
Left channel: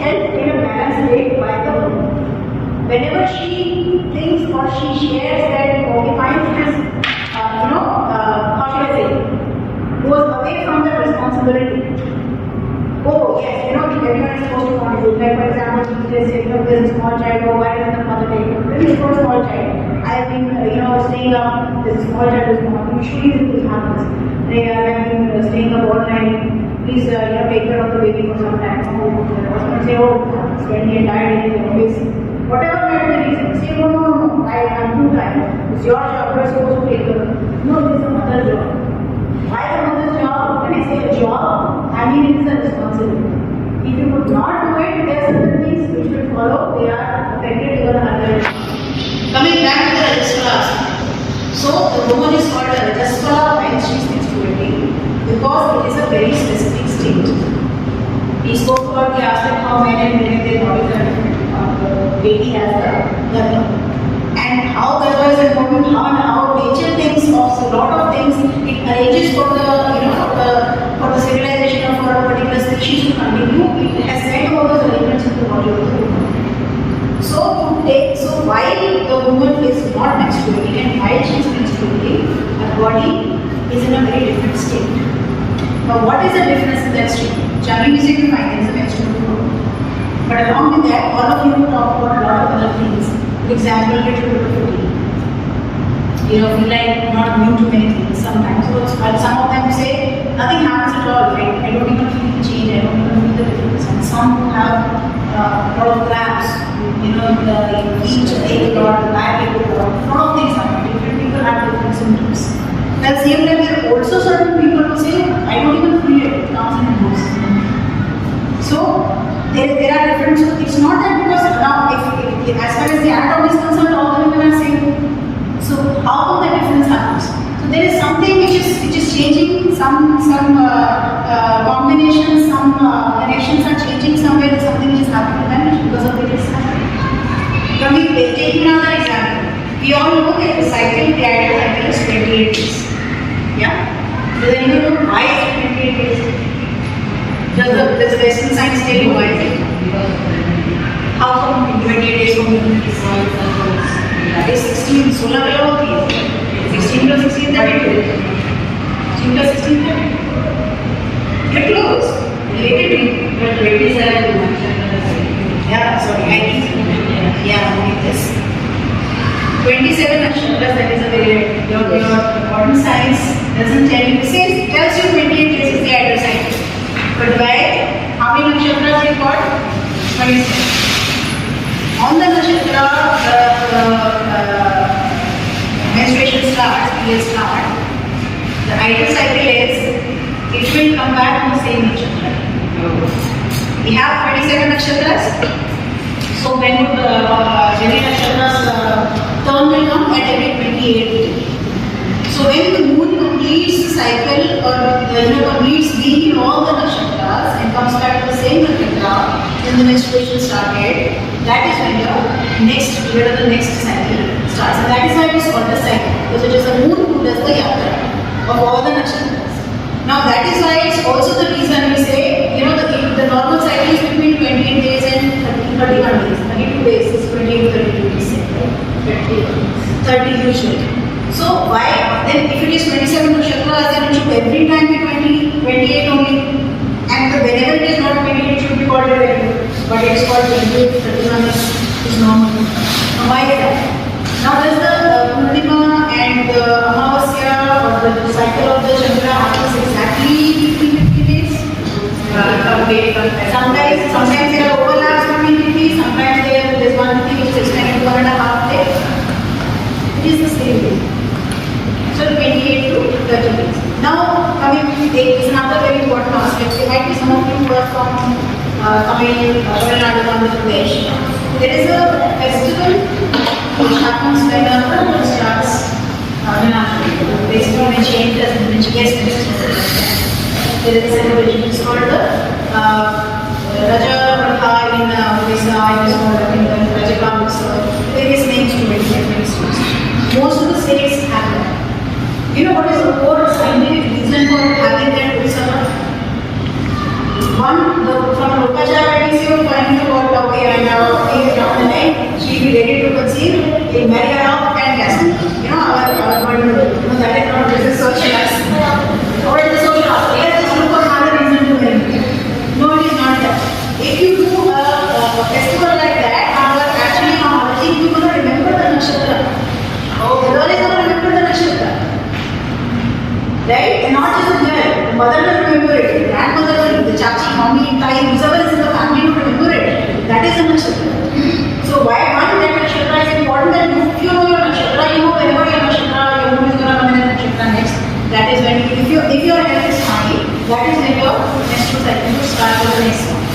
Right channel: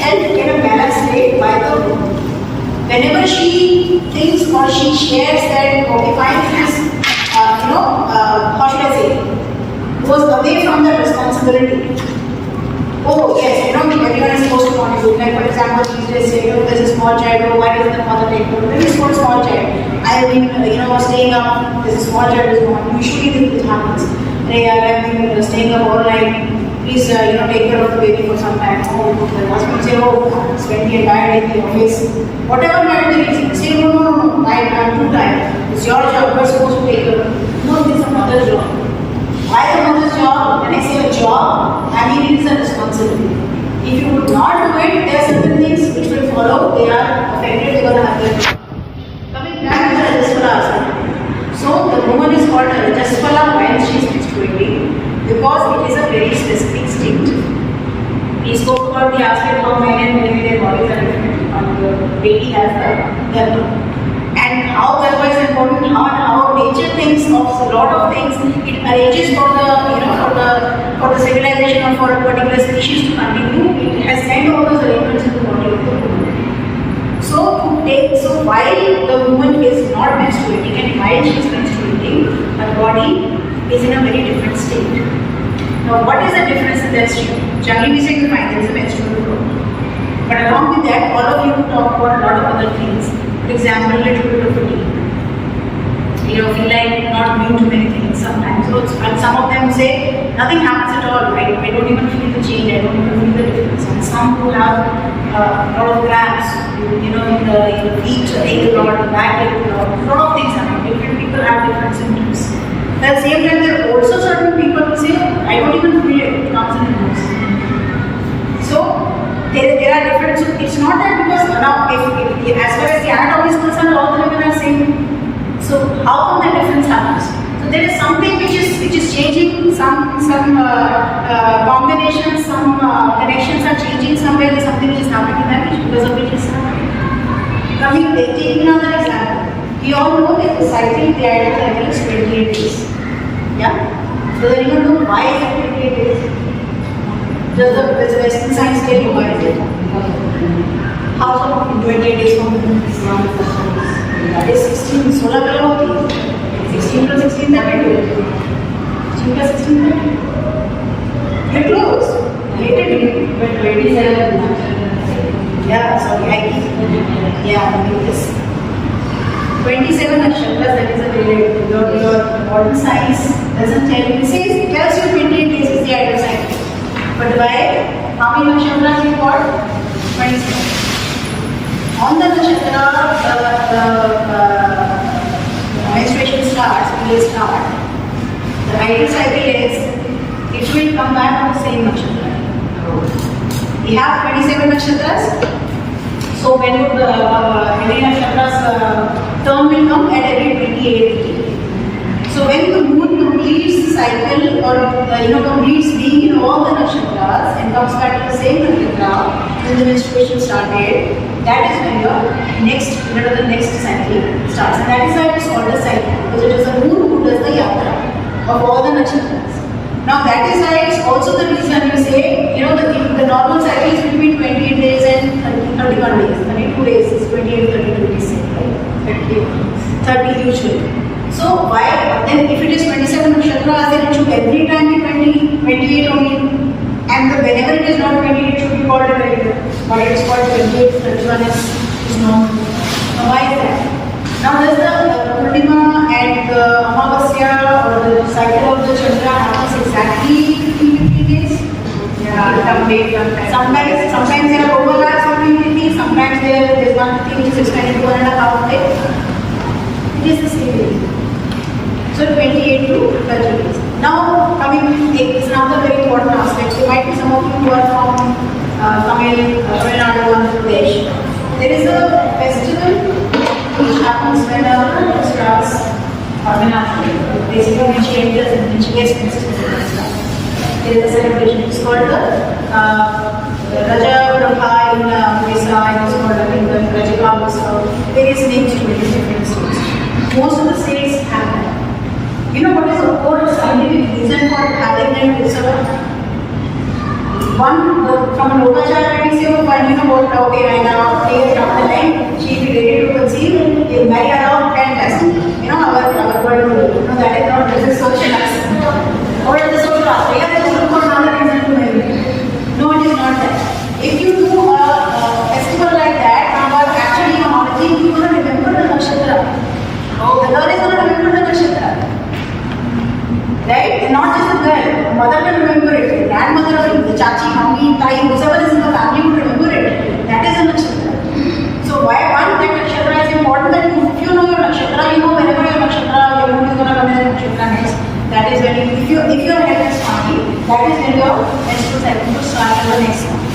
helped in a balanced state by the woman. Whenever she thinks or she shares that, okay, fine, this, how should I say, goes away from the responsibility. Oh, yes, everyone is supposed to contribute. Like, for example, these days, there's a small child, oh, why doesn't the mother take care of it? Maybe it's not a small child. I have been, staying up, there's a small child is born. Usually this happens. I have been staying up all night. Please, take care of the baby for some time. Oh, the husband say, oh, spend the entire day in the office. Whatever might be the reason. Say, no, I'm too tired. It's your job, you're supposed to take care of it. No, it's a mother's job. Why a mother's job? When I say a job, I mean it is a responsibility. If you do not do it, there are certain things which will follow. They are affected because of other. Coming back to the Rajaswala aspect. So the woman is called a Rajaswala when she is menstruating because it is a very specific state. We spoke about the aspect how men and women their bodies are different. The baby has the garbha. And how garbha is important, how nature thinks of a lot of things. It arranges for the civilization or for a particular species to continue. It has sent all those arrangements in the body of the woman. So while the woman is not menstruating and while she is menstruating, her body is in a very different state. Now, what is the difference in that state? Generally, we say you find there is a menstrual flow. But along with that, all of you talk about a lot of other things. For example, a little bit of fatigue. feel like not new to many things sometimes. So some of them say nothing happens at all. I don't even feel the change. I don't even feel the difference. And some who have a lot of cramps, in the feet, take a lot, the back, a lot of things happen. Different people have different symptoms. At the same time, there are also certain people who say, I don't even feel it. Comes and goes. So there are different. So it's not that because now, if as far as the anatomy is concerned, all the women are same. So how come that difference happens? So there is something which is changing. Some combinations, some connections are changing somewhere. There's something which is happening to them, which because of which is happening. Taking another example, we all know that the cycle, the ideal cycle is 28 days. Yeah. So then you know why is it 28 days? Does the Western science tell you why is it? How come 28 days from the that is 16, 16 plus 16, 32. 16 plus 16, 32. You're close. But 27. Yeah, sorry, I keep. Yeah, I need this. 27 nakshatras, that is a very, your modern science doesn't tell you. It tells you 28 days is the ideal cycle. But by how many nakshatras we got? 27. On the nakshatra, menstruation starts, period start. The ideal cycle is, it will come back on the same nakshatra. We have 27 nakshatras. So when every nakshatra's term will come at every 28th. So when the moon completes the cycle or completes being in all the nakshatras and comes back to the same nakshatra, then the menstruation started. That is when the next cycle starts. And that is why it is called the cycle, because it is the moon who does the yatra of all the nakshatras. Now that is why it's also the reason we say, the normal cycle is between 28 days and 31 days. 32 days is 28 to 32 days. 30 usually. So why then if it is 27 nakshatras, then it should every time be 28 only. And whenever it is not 28, it should be called 28. But it is called 28, 31 is normal. Now why is that? Now does the Purnima and the Amavasya or the cycle of the Chandra happens exactly 50 days? Sometimes there are overlaps between 50, sometimes there is one thing which is extended 1.5 days. It is the same way. So 28 to 30 days. Now, this is another very important aspect. There might be some of you who are from Tamil Nadu, Andhra Pradesh. There is a festival which happens when a woman starts basically when she enters and she gets menstruation. There is a celebration. It's called the Raja Prabha in Odisha. It is called the Raja. Various names to it. Most of the states have that. You know what is the core scientific reason for having that utsav? One, from an Upachar point of view, finding about okay, and down the line, she will be ready to conceive, will marry her off and cast. Our body, that is not this is social aspect. Or it is social aspect. Yeah, just look for another reason to marry. No, it is not that. If you do a festival like that, and you are actually acknowledging, you are going to remember the nakshatra. Oh, the girl is going to remember the nakshatra. Right? And not just the girl. The mother will remember it, the grandmother will, the chachi, mommy, tai, whoever is in the family will remember it. That is a nakshatra. So why that nakshatra is important that if you know your nakshatra, you know wherever your nakshatra, your moon is going to come in the nakshatra next. That is when if your health is fine, that is when your menstrual cycle will start for the next month.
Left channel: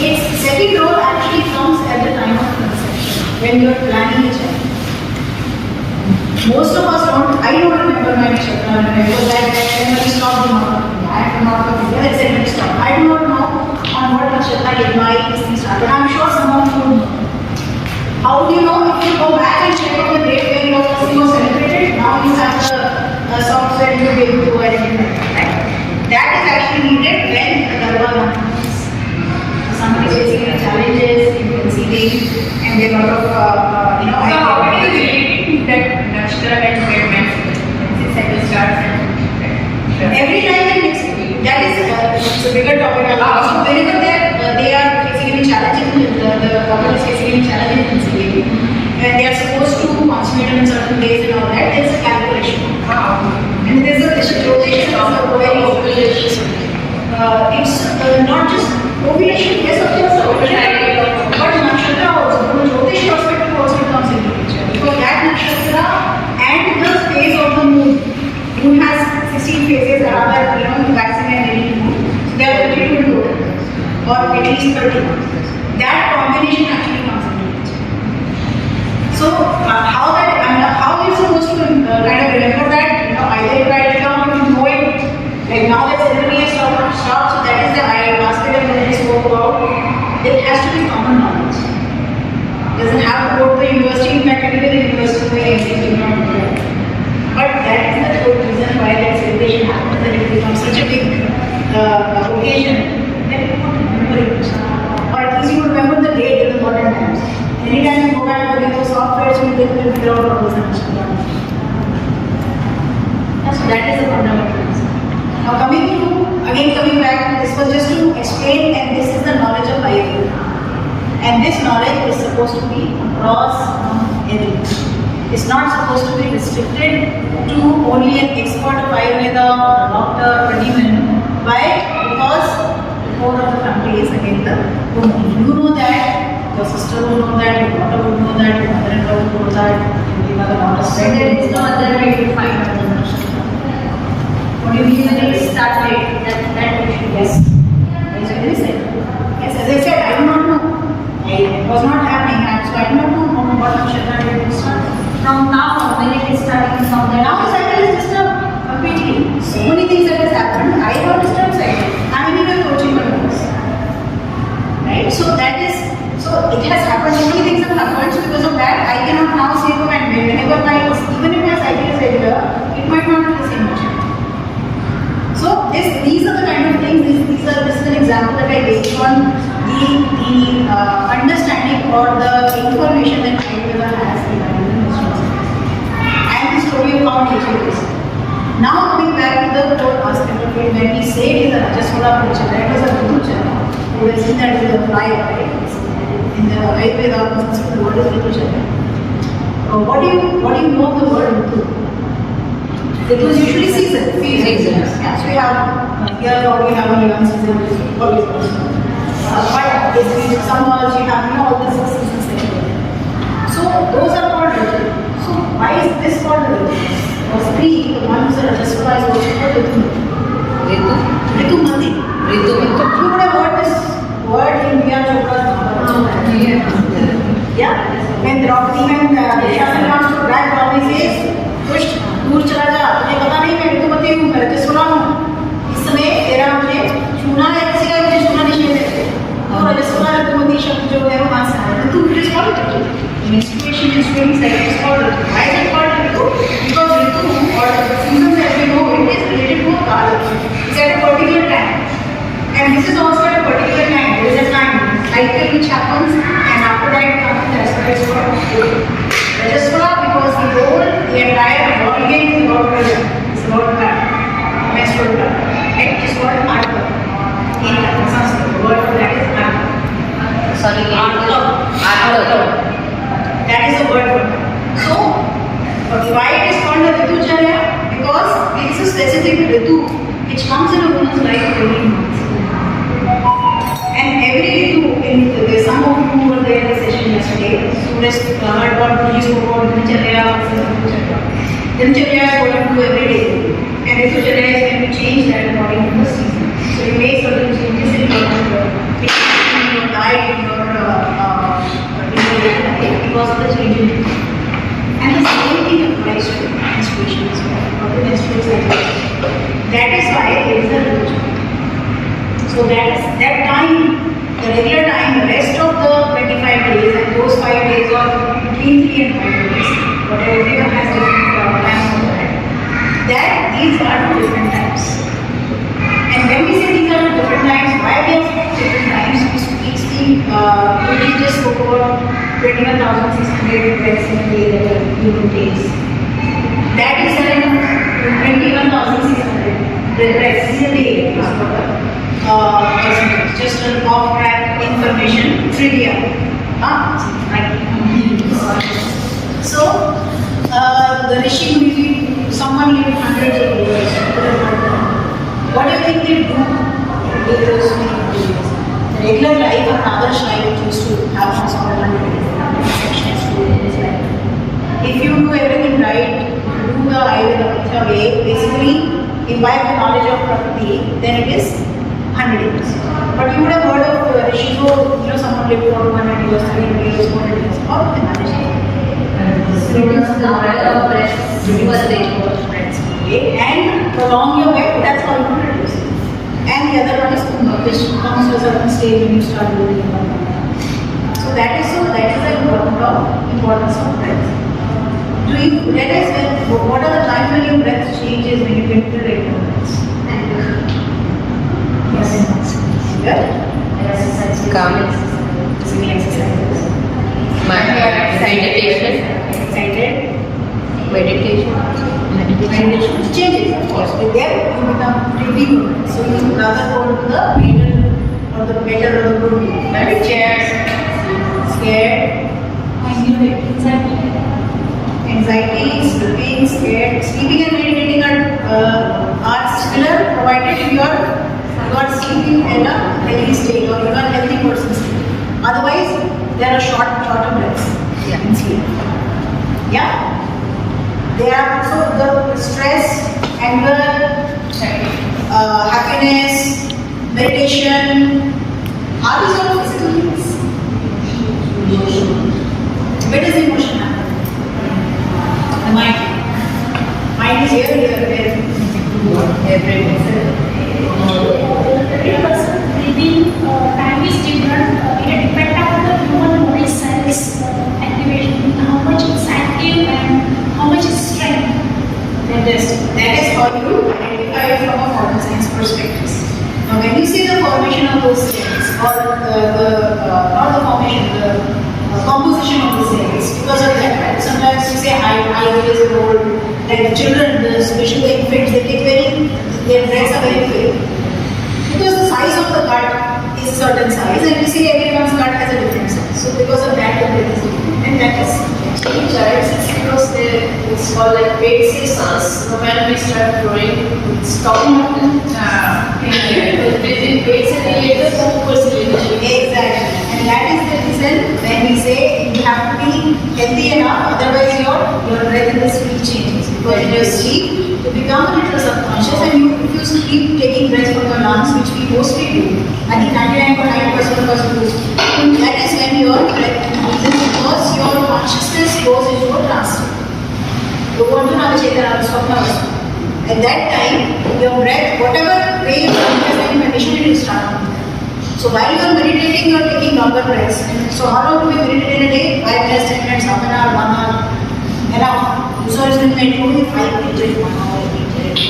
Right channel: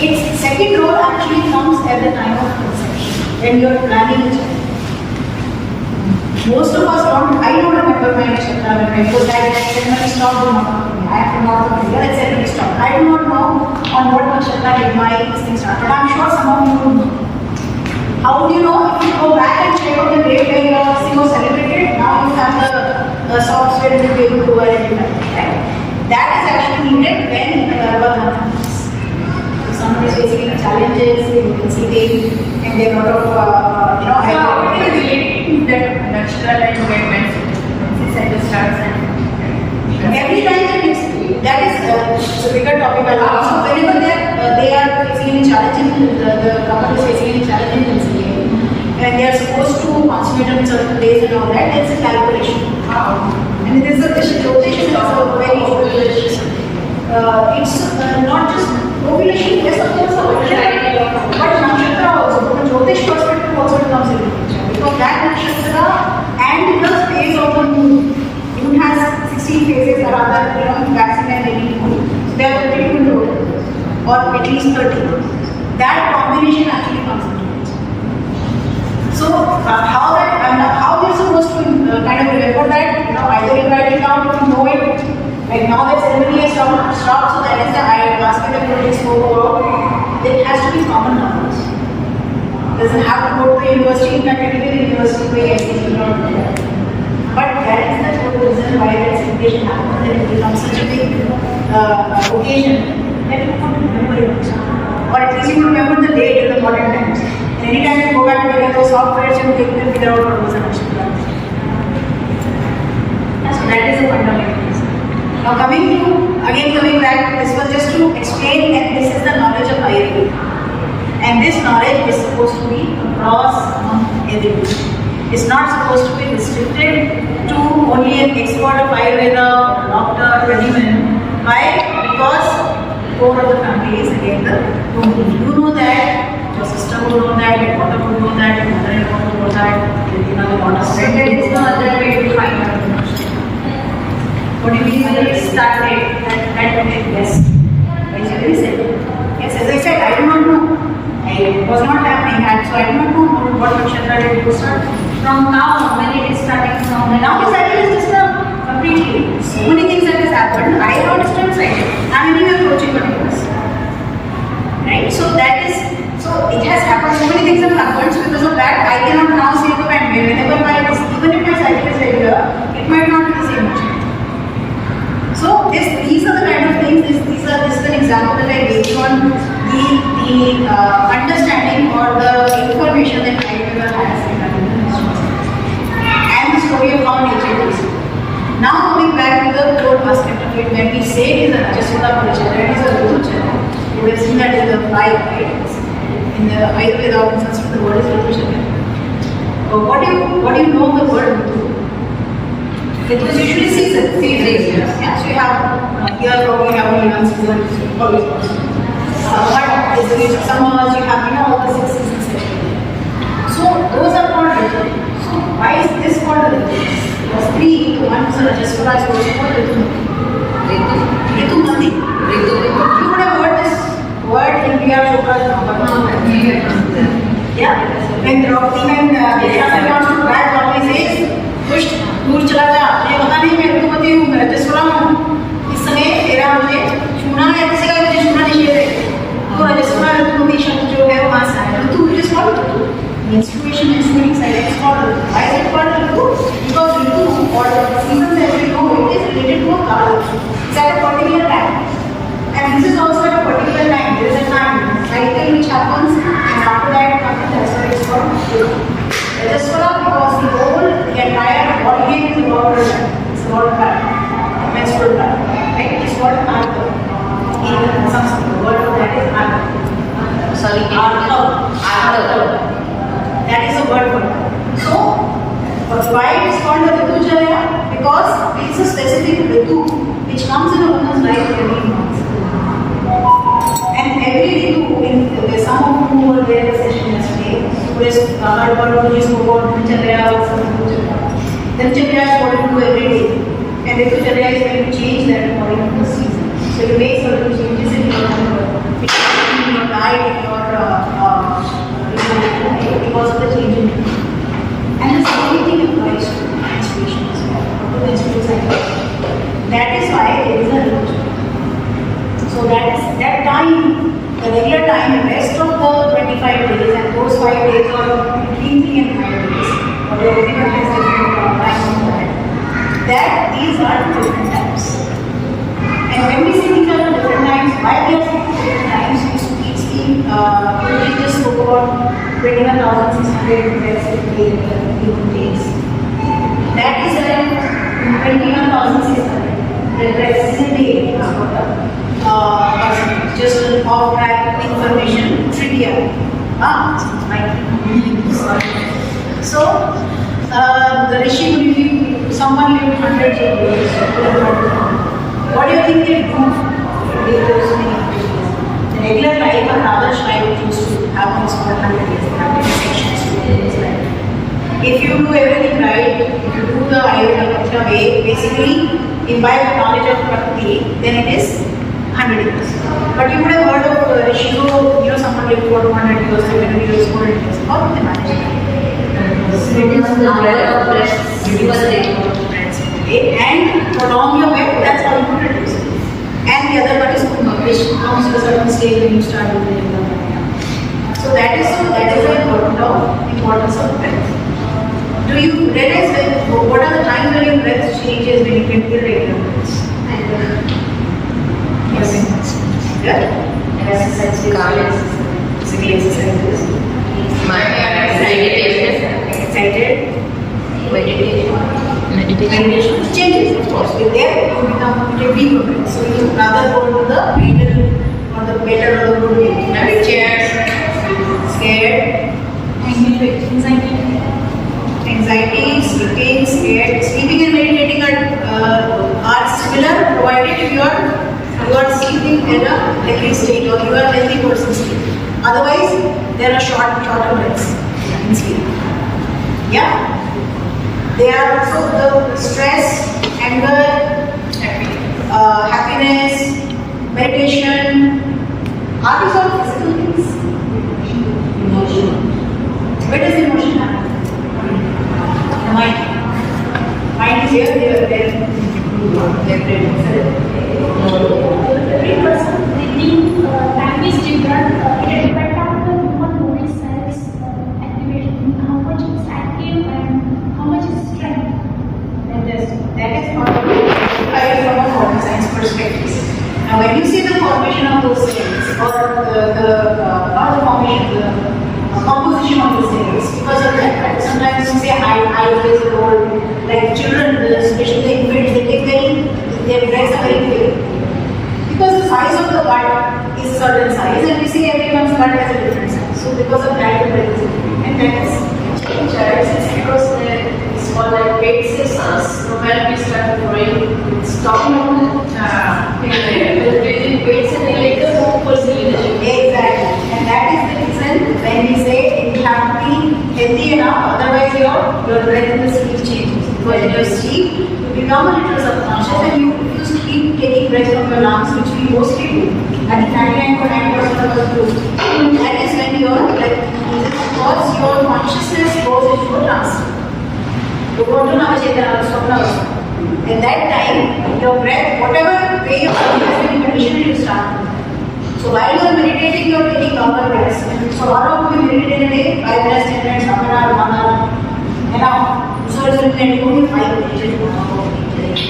Its second role actually comes at the time of conception, when you are planning a child. Most of us don't, I don't remember my nakshatra when I was that when we stopped the month of India. I have not of India, let's say we stopped. I do not know on what nakshatra did my thing start, but I'm sure some of you would know. How would you know? If you go back and check on the date when your thing was celebrated, now you have the software you will be able to identify it, right? That is actually needed when the Garba happens. Somebody is facing challenges in conceiving and there are a lot of, So how it is relating that nakshatra and movement since cycle starts every time and next week. That is a bigger topic. So whenever they are facing any challenges, the couple is facing any challenges in conceiving, when they are supposed to consummate on certain days and all that, there is a calculation. And there is a rotation of a very it's not just ovulation, yes, of course, ovulation, but nakshatra also, the Jyotish perspective also comes into picture. Because that nakshatra and the phase of the moon, moon has 16 phases, rather, waxing and waning moon, so they are 32 in total, or at least 30. That combination actually comes into picture. So, how are you supposed to kind of remember that? Either you write it down, you know it. Like now that ceremony has stopped, so that is the basket that we spoke about. It has to be common knowledge. It doesn't have to go to the university. In fact, it will be the university way everything not do that. But that is the whole reason why that celebration happens, that it becomes such a big occasion that you want to remember it. Or at least you remember the date in the modern times. And anytime you go back to those softwares, you will figure out what was actually. So that is the fundamental reason. Now coming back, this was just to explain that this is the knowledge of Ayurveda. And this knowledge is supposed to be across everyone. It's not supposed to be restricted to only an expert of Ayurveda or a doctor or anyone. Why? Because the core of the family is again the woman. If you know that, your sister will know that, your daughter will know that, your mother-in-law will know that, the daughter's friend will know that. There is no other way to find out. What do you mean by it started? That yes. What is very simple. Yes, as I said, I do not know. It was not happening, and so I do not know what nakshatra did you start. From now, when it is starting from the Now the cycle is disturbed completely. So many things that has happened. I have a disturbed cycle. I am anyway approaching the universe. Right? So that is. So it has happened. So many things have happened. So because of that, I cannot now say to my whenever even if my cycle is regular, it might not be the same nakshatra. So these are the kind of things. This is an example that I based on the understanding or the information that Ayurveda has regarding the and the story of how nature is. Now coming back to the core aspect of it, when we say it is a Rajaswala nature, that is a Ritucharya. You would assume that is a fly, right? In the Ayurveda, in Sanskrit, the word is Ritucharya. What do you know the word Ritu? Ritu is usually season. Yeah, so you have here we have only one season, which is always possible. But basically summers, you have all the 6 seasons actually. So those are called Ritu. So why is this called Ritu? The three, the one who's a Rajaswala is also called Ritu. Ritumati. You would have heard this word in Priya Chopra's Mahabharata. Yeah. When Draupadi and Acharya comes to grab Draupadi says, "Push, दूर चला जा, मुझे पता नहीं मैं ऋतुमती हूँ, मैं रजस्वला हूँ। इस समय तेरा मुझे छूना है, किसी का मुझे छूना निषेध है। तो रजस्वला ऋतुमती शब्द जो है वो कहाँ से आया? ऋतु it is called Ritu. Menstruation, menstruating cycle is called Ritu. Why is it called Ritu? Because Ritu or the season as we know it is related to a kala. It's at a particular time. And this is also at a particular time. There is a time cycle which happens, and after that comes that's why it's called Ritu. Rajaswala because the entire body game is about it's about pattern, menstrual pattern. Right? It's called Arya. In Sanskrit, the word for that is Arya. Sorry, Arya. That is the word for that. So, why it is called a Ritucharya? Because it is a specific Ritu which comes in a woman's life every month. And every Ritu, there's some of you who were there in the session yesterday, who has heard about Guruji spoke about Dincharya or Ritucharya. Dincharya is what you do every day. And Ritucharya is when you change that according to the season. So you make certain changes in your diet, because of the change in it. And the same thing applies to menstruation as well, or the menstrual cycle. That is why it is a Ritucharya. So that time, the regular time, the rest of the 25 days and those 5 days or between 3 and 5 days, whatever everyone has different time on that these are two different times. And when we say these are two different times, why we are saying different times? We just spoke about 21,600 breaths in a day that are human days. That is 21,600 breaths in a day. Just an off-track information trivia. Like been hundreds of years. What do you think they do to live those many years? The regular life, an average life used to have almost 100 years. There are many sections to this life. If you do everything right, if you do the Ayurveda way, basically imbibe the knowledge of Prakriti, then it is 100 years. But you would have heard of Rishiko, someone lived for 200 years, 300 years, 400 years. How do they manage it? It is the bread of breath. And prolong your weight, that's all you can reduce. And the other one is Kumbha, which comes to a certain stage when you start doing the yoga pranayama. So that is the importance of breath. Do you realize what are the times when your breath changes when you can do regular breaths? Yes. Good? Physical exercises. Excited. Meditation changes, of course. With them, you become deeper breath. So you rather go to the middle or the better or the good way. Right? Scared. Anxiety, sleeping, scared. Sleeping and meditating are similar, provided you are sleeping in a healthy state or you are a healthy person sleep. Otherwise, there are shorter breaths in sleep. Yeah? There are also the stress, anger, happiness, meditation. Are these all physical things? Emotion. Where does emotion happen? The mind. Mind is here, there. Because time is different, it depends on the human body cells activation, how much it's active and how much is strength. That is how you identify from a modern science perspective. Now, when you see the formation of those cells, or not the formation, the composition of the cells, because of that, right? Sometimes you say height plays a role. Like the children, especially the infants, they take their breaths are very quick. Because the size of the gut is certain size, and we see everyone's gut has a different size. So because of that, the breath is different, and that is. Because it's called like basis, when we start growing, we stop. Exactly. And that is the reason when we say you have to be healthy enough, otherwise your breath in the sleep changes. Because in your sleep, you become a little subconscious, and if you keep taking breath from your lungs, which we mostly do, I think 99.9% of us do, that is when your breath increases because your consciousness goes into a trance. You go into Navachetana, Swapnavastha. At that time, your breath, whatever way your body has been conditioned, it will start. So while you are meditating, you are taking longer breaths. So how long do we meditate in a day? 5 minutes, 10 minutes, half an hour, 1 hour. Enough. So it's been only 5 minutes, 1 hour, 8 minutes.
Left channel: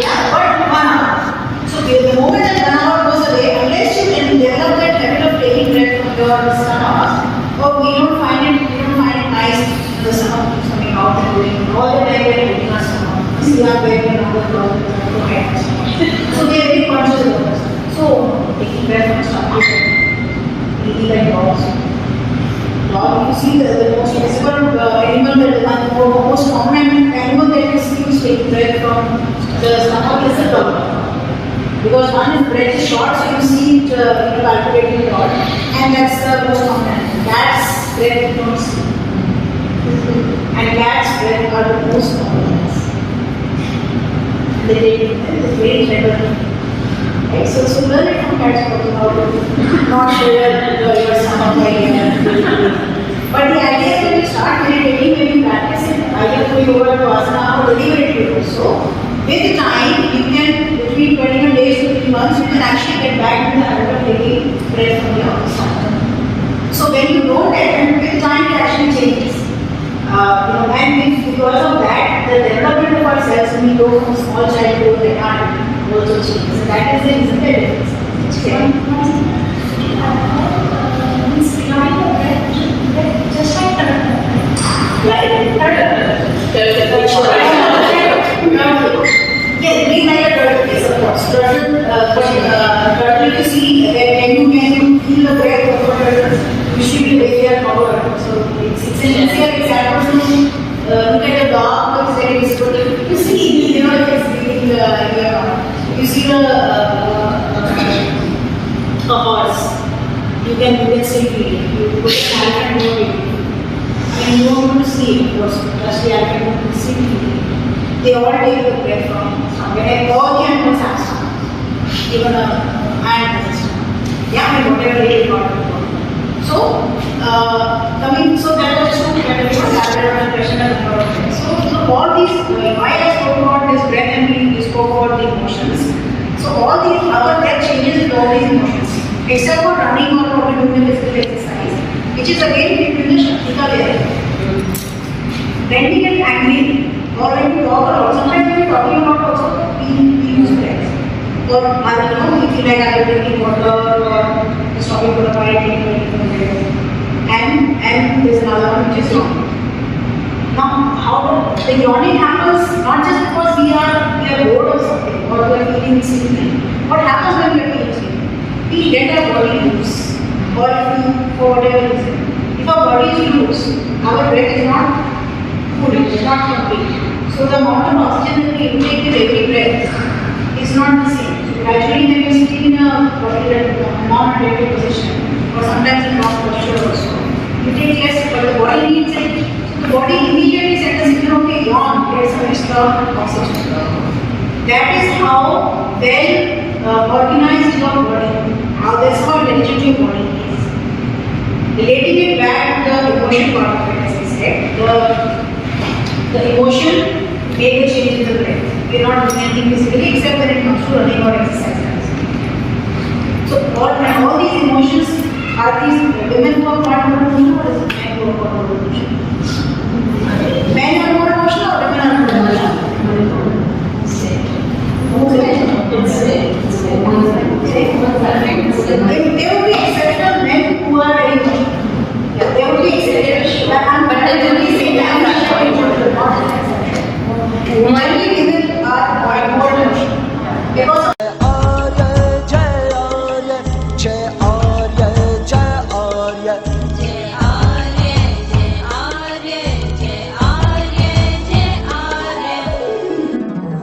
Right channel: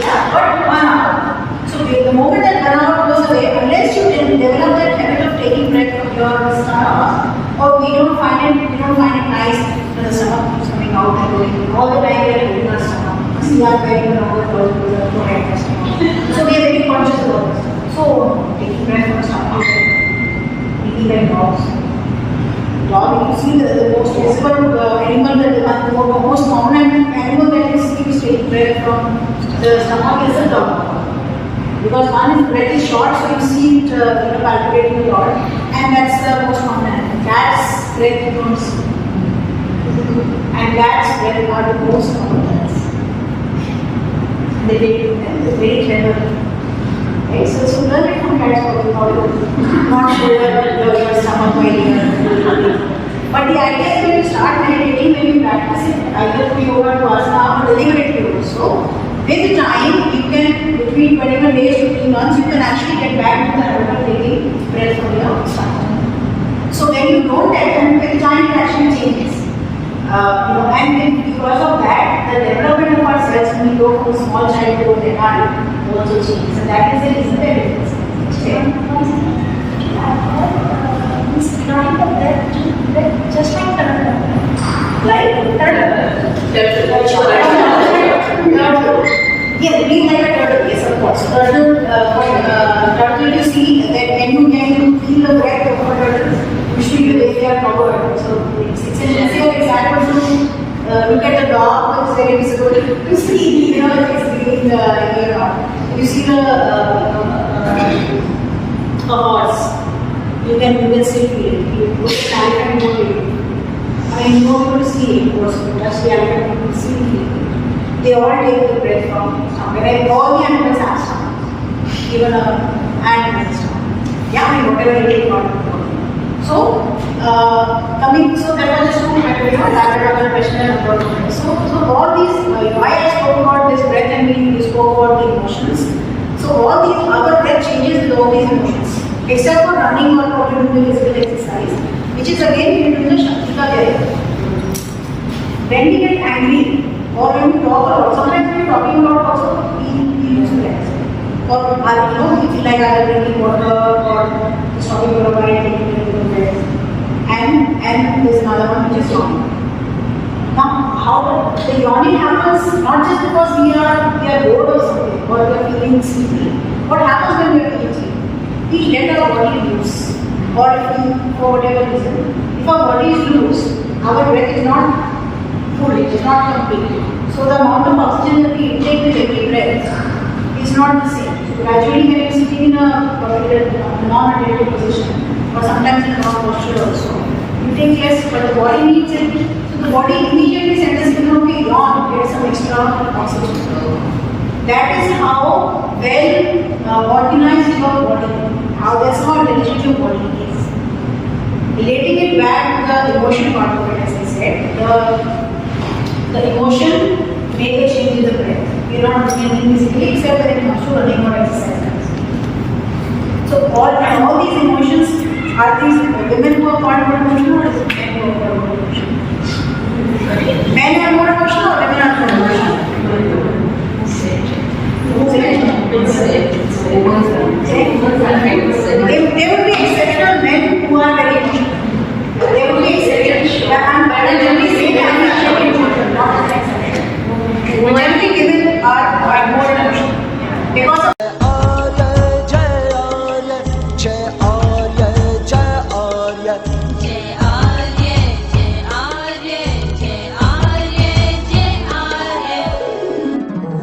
Yeah, but 1 hour. So the moment that 1 hour goes away, unless you can develop that habit of taking breath from your stomach, or we don't find it nice, the stomach keeps coming out and going all the time we are taking our stomach. See our belly and overflowing with the forehead. So we are very conscious about this. So taking breath from stomach is breathing like dogs. Dog, you see the most visible animal, the most common animal that you see who take breath from the stomach is the dog. Because one is breath is short, so you see it palpitating a lot, and that's the most common. Cat's breath you don't see, and cat's breath are the most common. They take them, it's very clever. Right? So learn it from cats also, not your stomach while you are. But the idea is when you start meditating, when you practice it, either through yoga to asana or deliberately also, with time, you can, between 21 days to 3 months, you can actually get back into the habit of taking breath from your stomach. So when you don't, and with time it actually changes. And because of that, the development of our cells when we go from small child to adult also changes. So that is the reason that it is. Just like yes, being like a turtle, yes, of course. Turtle, you see that when you feel the breath of a turtle, usually they are covered. So it's an easier example to look at the dog, it's very difficult to see, you know, if it's sleeping or not. You see a horse, you can still feel it. You look at an elephant, more beautiful. I mean, you won't be able to see it, of course, but the elephant, you can see it. They all take the breath from somewhere. Like all the animals have some. Even an ant has some. Yeah, I mean, whatever they take. So, so that was just two question and number of things. So all these, why I spoke about this breath and we spoke about the emotions. So all these other breath changes with all these emotions. Except for running or probably doing the physical exercise, which is again between the Shaktika level. When we get angry or when we talk a lot, sometimes when we are talking about also, we use breath. Or, you know, we feel like I am drinking water or just talking to the body, taking breath. And there's another one which is yawning. Now, how the yawning happens not just because we are bored of something or we are feeling sleepy. What happens when we are feeling sleepy? We let our body loose, or if we, for whatever reason, if our body is loose, our breath is not full, it is not complete. So the amount of oxygen that we intake with every breath is not the same. Gradually, when we sit in a particular non-related position, or sometimes in wrong posture also, you take less, but the body needs it. So the body immediately sends a signal, okay, yawn, get some extra oxygen. That is how well organized your body, that's how intelligent your body is. Relating it back to the emotion part of it, as we said, the emotion may get changed in the breath. We are not doing anything physically except when it comes to running or exercise. So all these emotions, are these women who are part of the emotion or is it men who are part of the emotion? Men are more emotional or women are